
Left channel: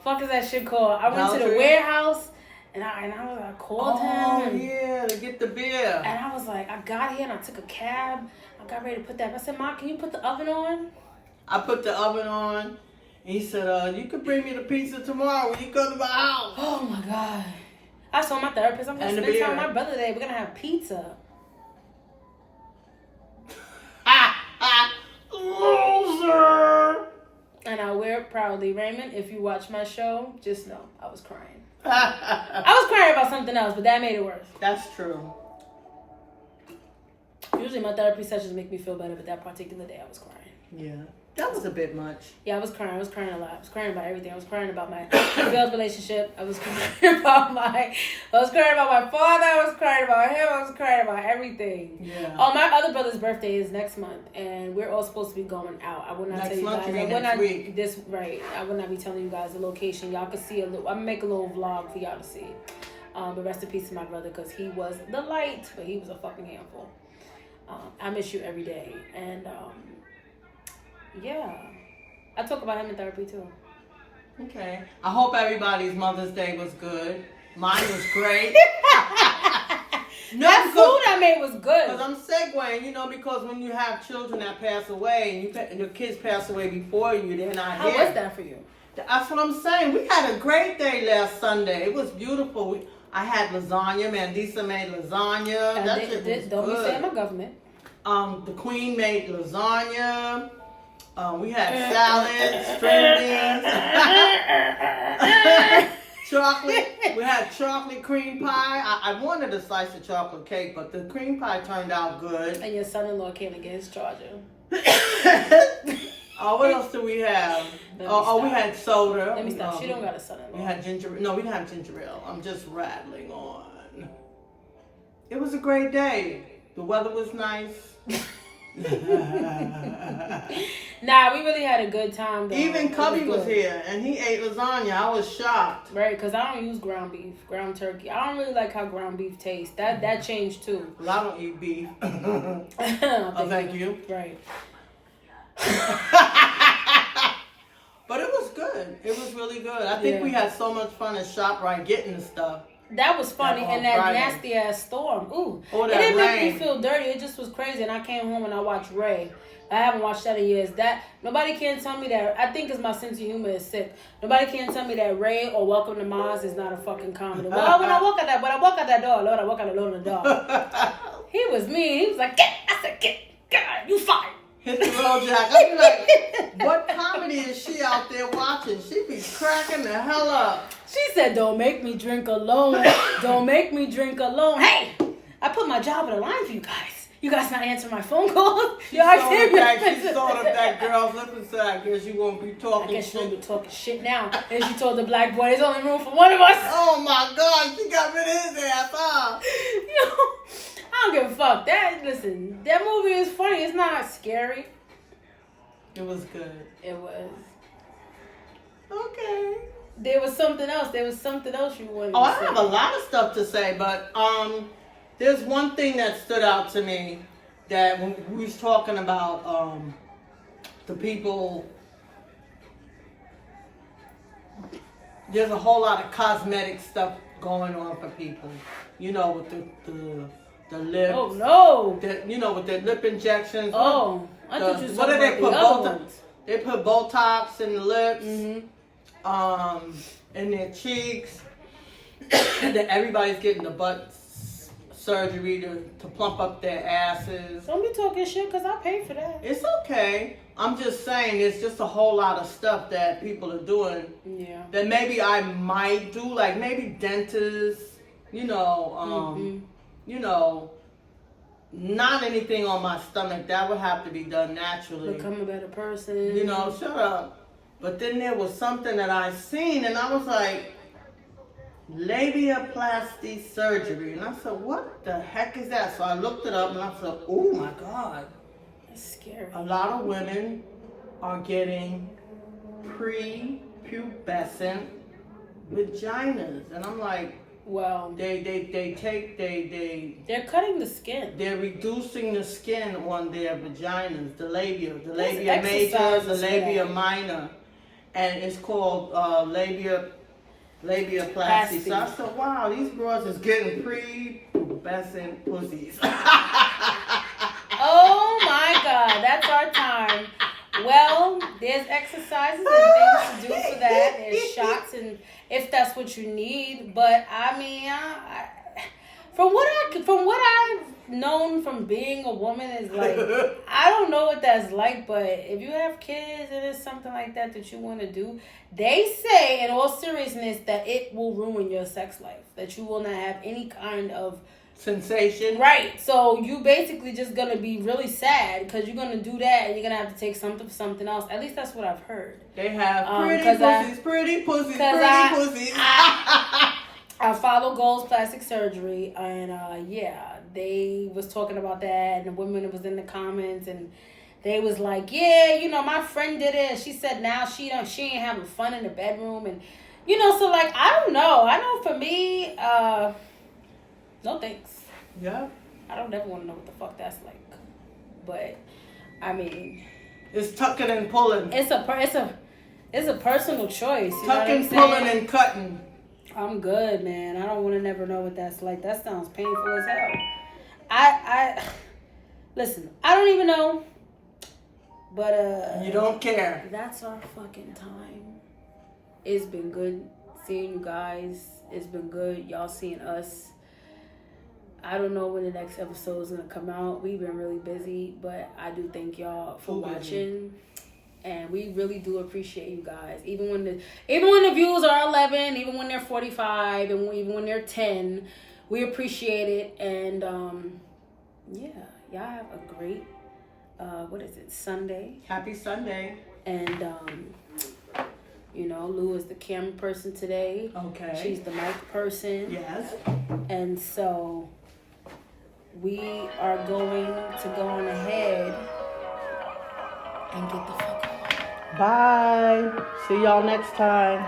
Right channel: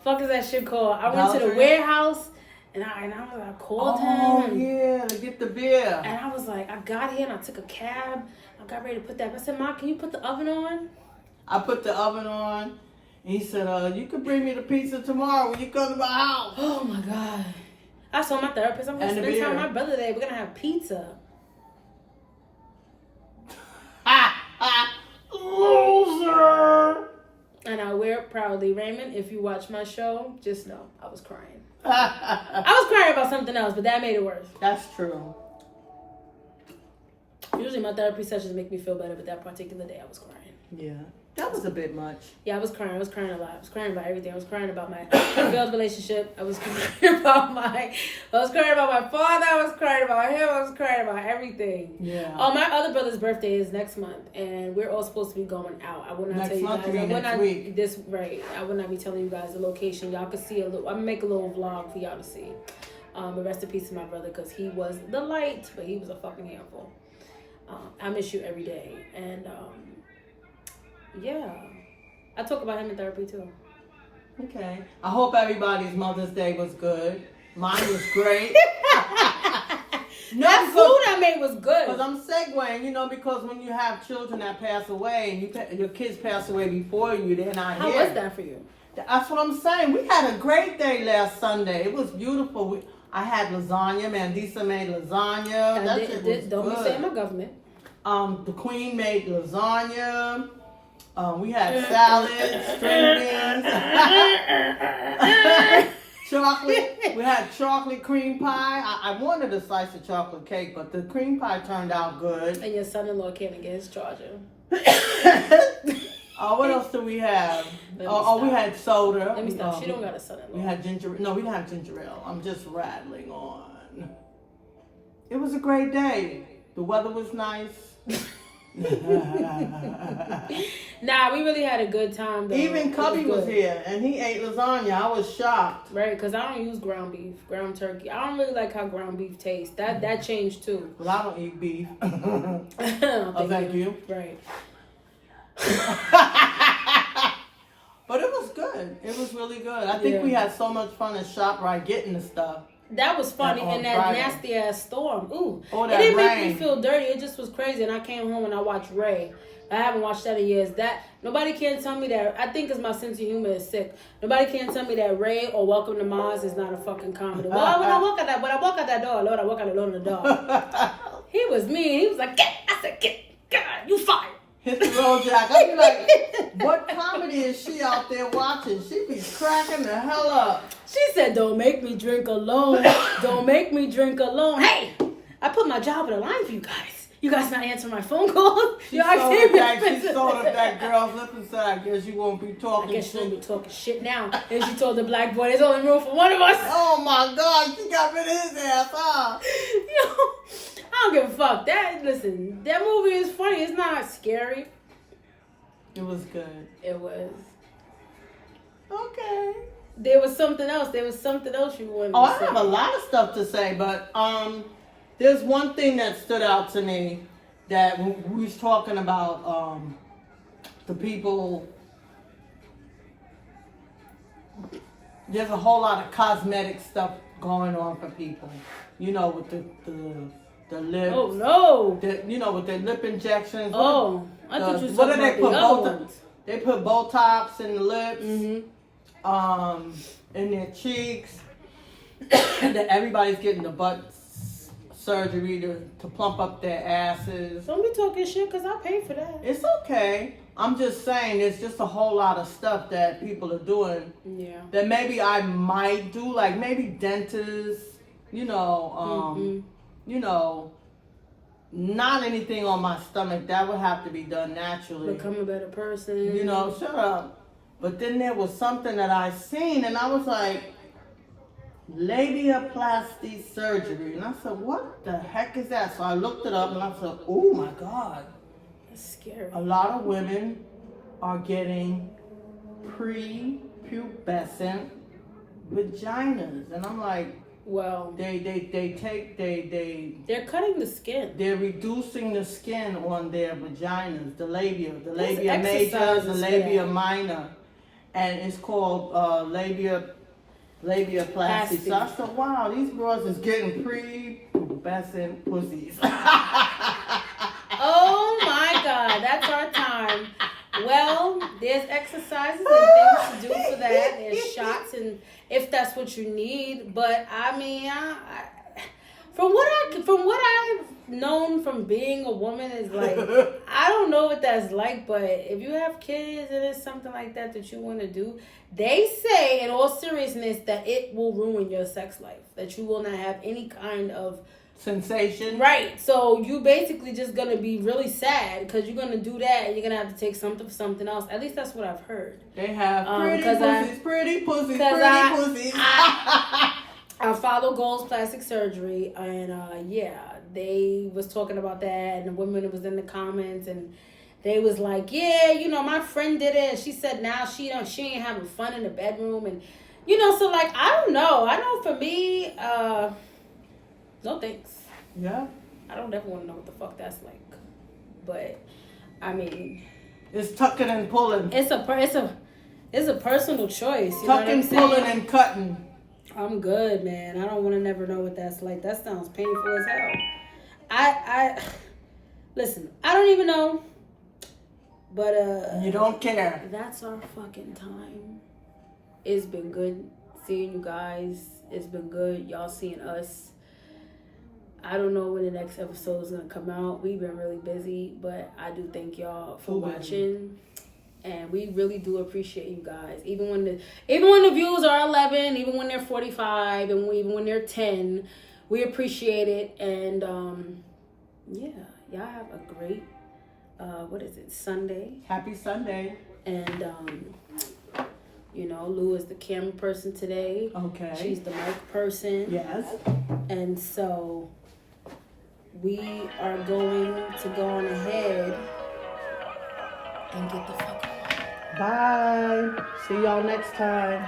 fuck is that shit called? I went to the warehouse, and I called him. Oh yeah, to get the beer. And I was like, I got here and I took a cab. I got ready to put that. I said, Mom, can you put the oven on? I put the oven on, and he said, you can bring me the pizza tomorrow when you come to my house. Oh my God. I told my therapist, I'm going to spend time with my brother today. We're going to have pizza. Loser! And I wear it proudly. Raymond, if you watch my show, just know I was crying. I was crying about something else, but that made it worse. That's true. Usually my therapy sessions make me feel better, but that particular day I was crying. Yeah. That was a bit much. Yeah, I was crying. I was crying a lot. I was crying about everything. I was crying about my failed relationship. I was crying about my father. I was crying about him. I was crying about everything. Yeah. Oh, my other brother's birthday is next month, and we're all supposed to be going out. I will not tell you guys. I will not I will not be telling you guys the location. Y'all can see I'm gonna make a little vlog for y'all to see. But rest in peace to my brother, because he was the light, but he was a fucking handful. I miss you every day, and yeah, I talk about him in therapy too. Okay. I hope everybody's Mother's Day was good. Mine was great. That food I made was good. Because I'm segueing, because when you have children that pass away and your kids pass away before you, they're not How here. was that for you? That's what I'm saying. We had a great day last Sunday. It was beautiful. I had lasagna. Mandisa made lasagna. Don't be saying my government. The Queen made lasagna. We had salad, string beans, chocolate. We had chocolate cream pie. I wanted a slice of chocolate cake, but the cream pie turned out good. And your son-in-law came to get his charger. What else do we have? We had soda. Let me stop. She don't got a son-in-law. We had ginger. No, we didn't have ginger ale. I'm just rattling on. It was a great day. The weather was nice. Nah, we really had a good time though. Even Cubby was here and he ate lasagna. I was shocked. Right, because I don't use ground beef, ground turkey. I don't really like how ground beef tastes. That changed too. Well, I don't eat beef. Thank you. Right. But it was good. It was really good. I think we had so much fun at ShopRite getting the stuff. That was funny, and that Friday. nasty ass storm. Ooh, Oh, it didn't make rain. me feel dirty. It just was crazy. And I came home and I watched Ray. I haven't watched that in years. That nobody can tell me that. I think it's my sense of humor is sick. Nobody can tell me that Ray or Welcome to Mars is not a fucking comedy. Well, when I walk out that door, Lord, I walk out alone in the door. He was mean. He was like, get. I said, get. God, you fired. Hit the road jack. I be like, what comedy is she out there watching? She be cracking the hell up. She said, don't make me drink alone. Don't make me drink alone. Hey, I put my job on the line for you guys. You guys not answering my phone calls? She sewed up that girl's lip and said, I guess you won't be talking I guess you won't be talking shit now. And she told the black boy, there's only room for one of us. Oh my God, she got rid of his ass, huh? Yo, I don't give a fuck. Listen, that movie is funny. It's not scary. It was good. It was. Okay. There was something else. There was something else you wanted to say. I have a lot of stuff to say, but there's one thing that stood out to me that when we was talking about the people. There's a whole lot of cosmetic stuff going on for people, with the lips. Oh no! With their lip injections. Oh, I thought you were talking about the other ones. They put Botox in the lips, Mm-hmm. in their cheeks, and then everybody's getting the butt surgery to plump up their asses. Don't be talking shit because I pay for that. It's okay. I'm just saying, it's just a whole lot of stuff that people are doing. Yeah. That maybe I might do, like maybe dentists, you know, not anything on my stomach. That would have to be done naturally. Become a better person. You know, shut up. But then there was something that I seen, and I was like, labiaplasty surgery. And I said, what the heck is that? So I looked it up, and I said, oh my God. That's scary. A lot of women are getting prepubescent vaginas. And I'm like, well, they're cutting the skin. They're reducing the skin on their vaginas, the labia There's major, the exercises labia for that. minor, and it's called labiaplasty. So I said, wow, these girls is getting prepubescent pussies. Oh my God, that's our time. Well, there's exercises and things to do for that. There's shots, and if that's what you need. But I mean, from what I've known from being a woman is like, I don't know what that's like. But if you have kids and it's something like that you want to do, they say in all seriousness that it will ruin your sex life. That you will not have any kind of sensation. Right. So you basically just gonna be really sad because you're gonna do that and you're gonna have to take something for something else. At least that's what I've heard. They have pretty pussies. I follow Gold's Plastic Surgery, and yeah, they was talking about that, and the women was in the comments, and they was like, yeah, you know, my friend did it, and she said now she ain't having fun in the bedroom, and you know, so like I don't know. I know for me, no thanks. Yeah. I don't ever want to know what the fuck that's like. But I mean, it's tucking and pulling. It's a personal choice. You know what I'm saying? Pulling and cutting. I'm good, man. I don't want to never know what that's like. That sounds painful as hell. I listen, I don't even know. But you don't care. That's our fucking time. It's been good seeing you guys. It's been good y'all seeing us. I don't know when the next episode is gonna come out. We've been really busy, but I do thank y'all for watching, and we really do appreciate you guys. Even when the views are 11, even when they're 45, and even when they're 10, we appreciate it. And yeah, y'all have a great Sunday. Happy Sunday. And you know, Lou is the camera person today. Okay. She's the mic person. Yes. And so we are going to go on ahead and get the fuck on. Bye. See y'all next time.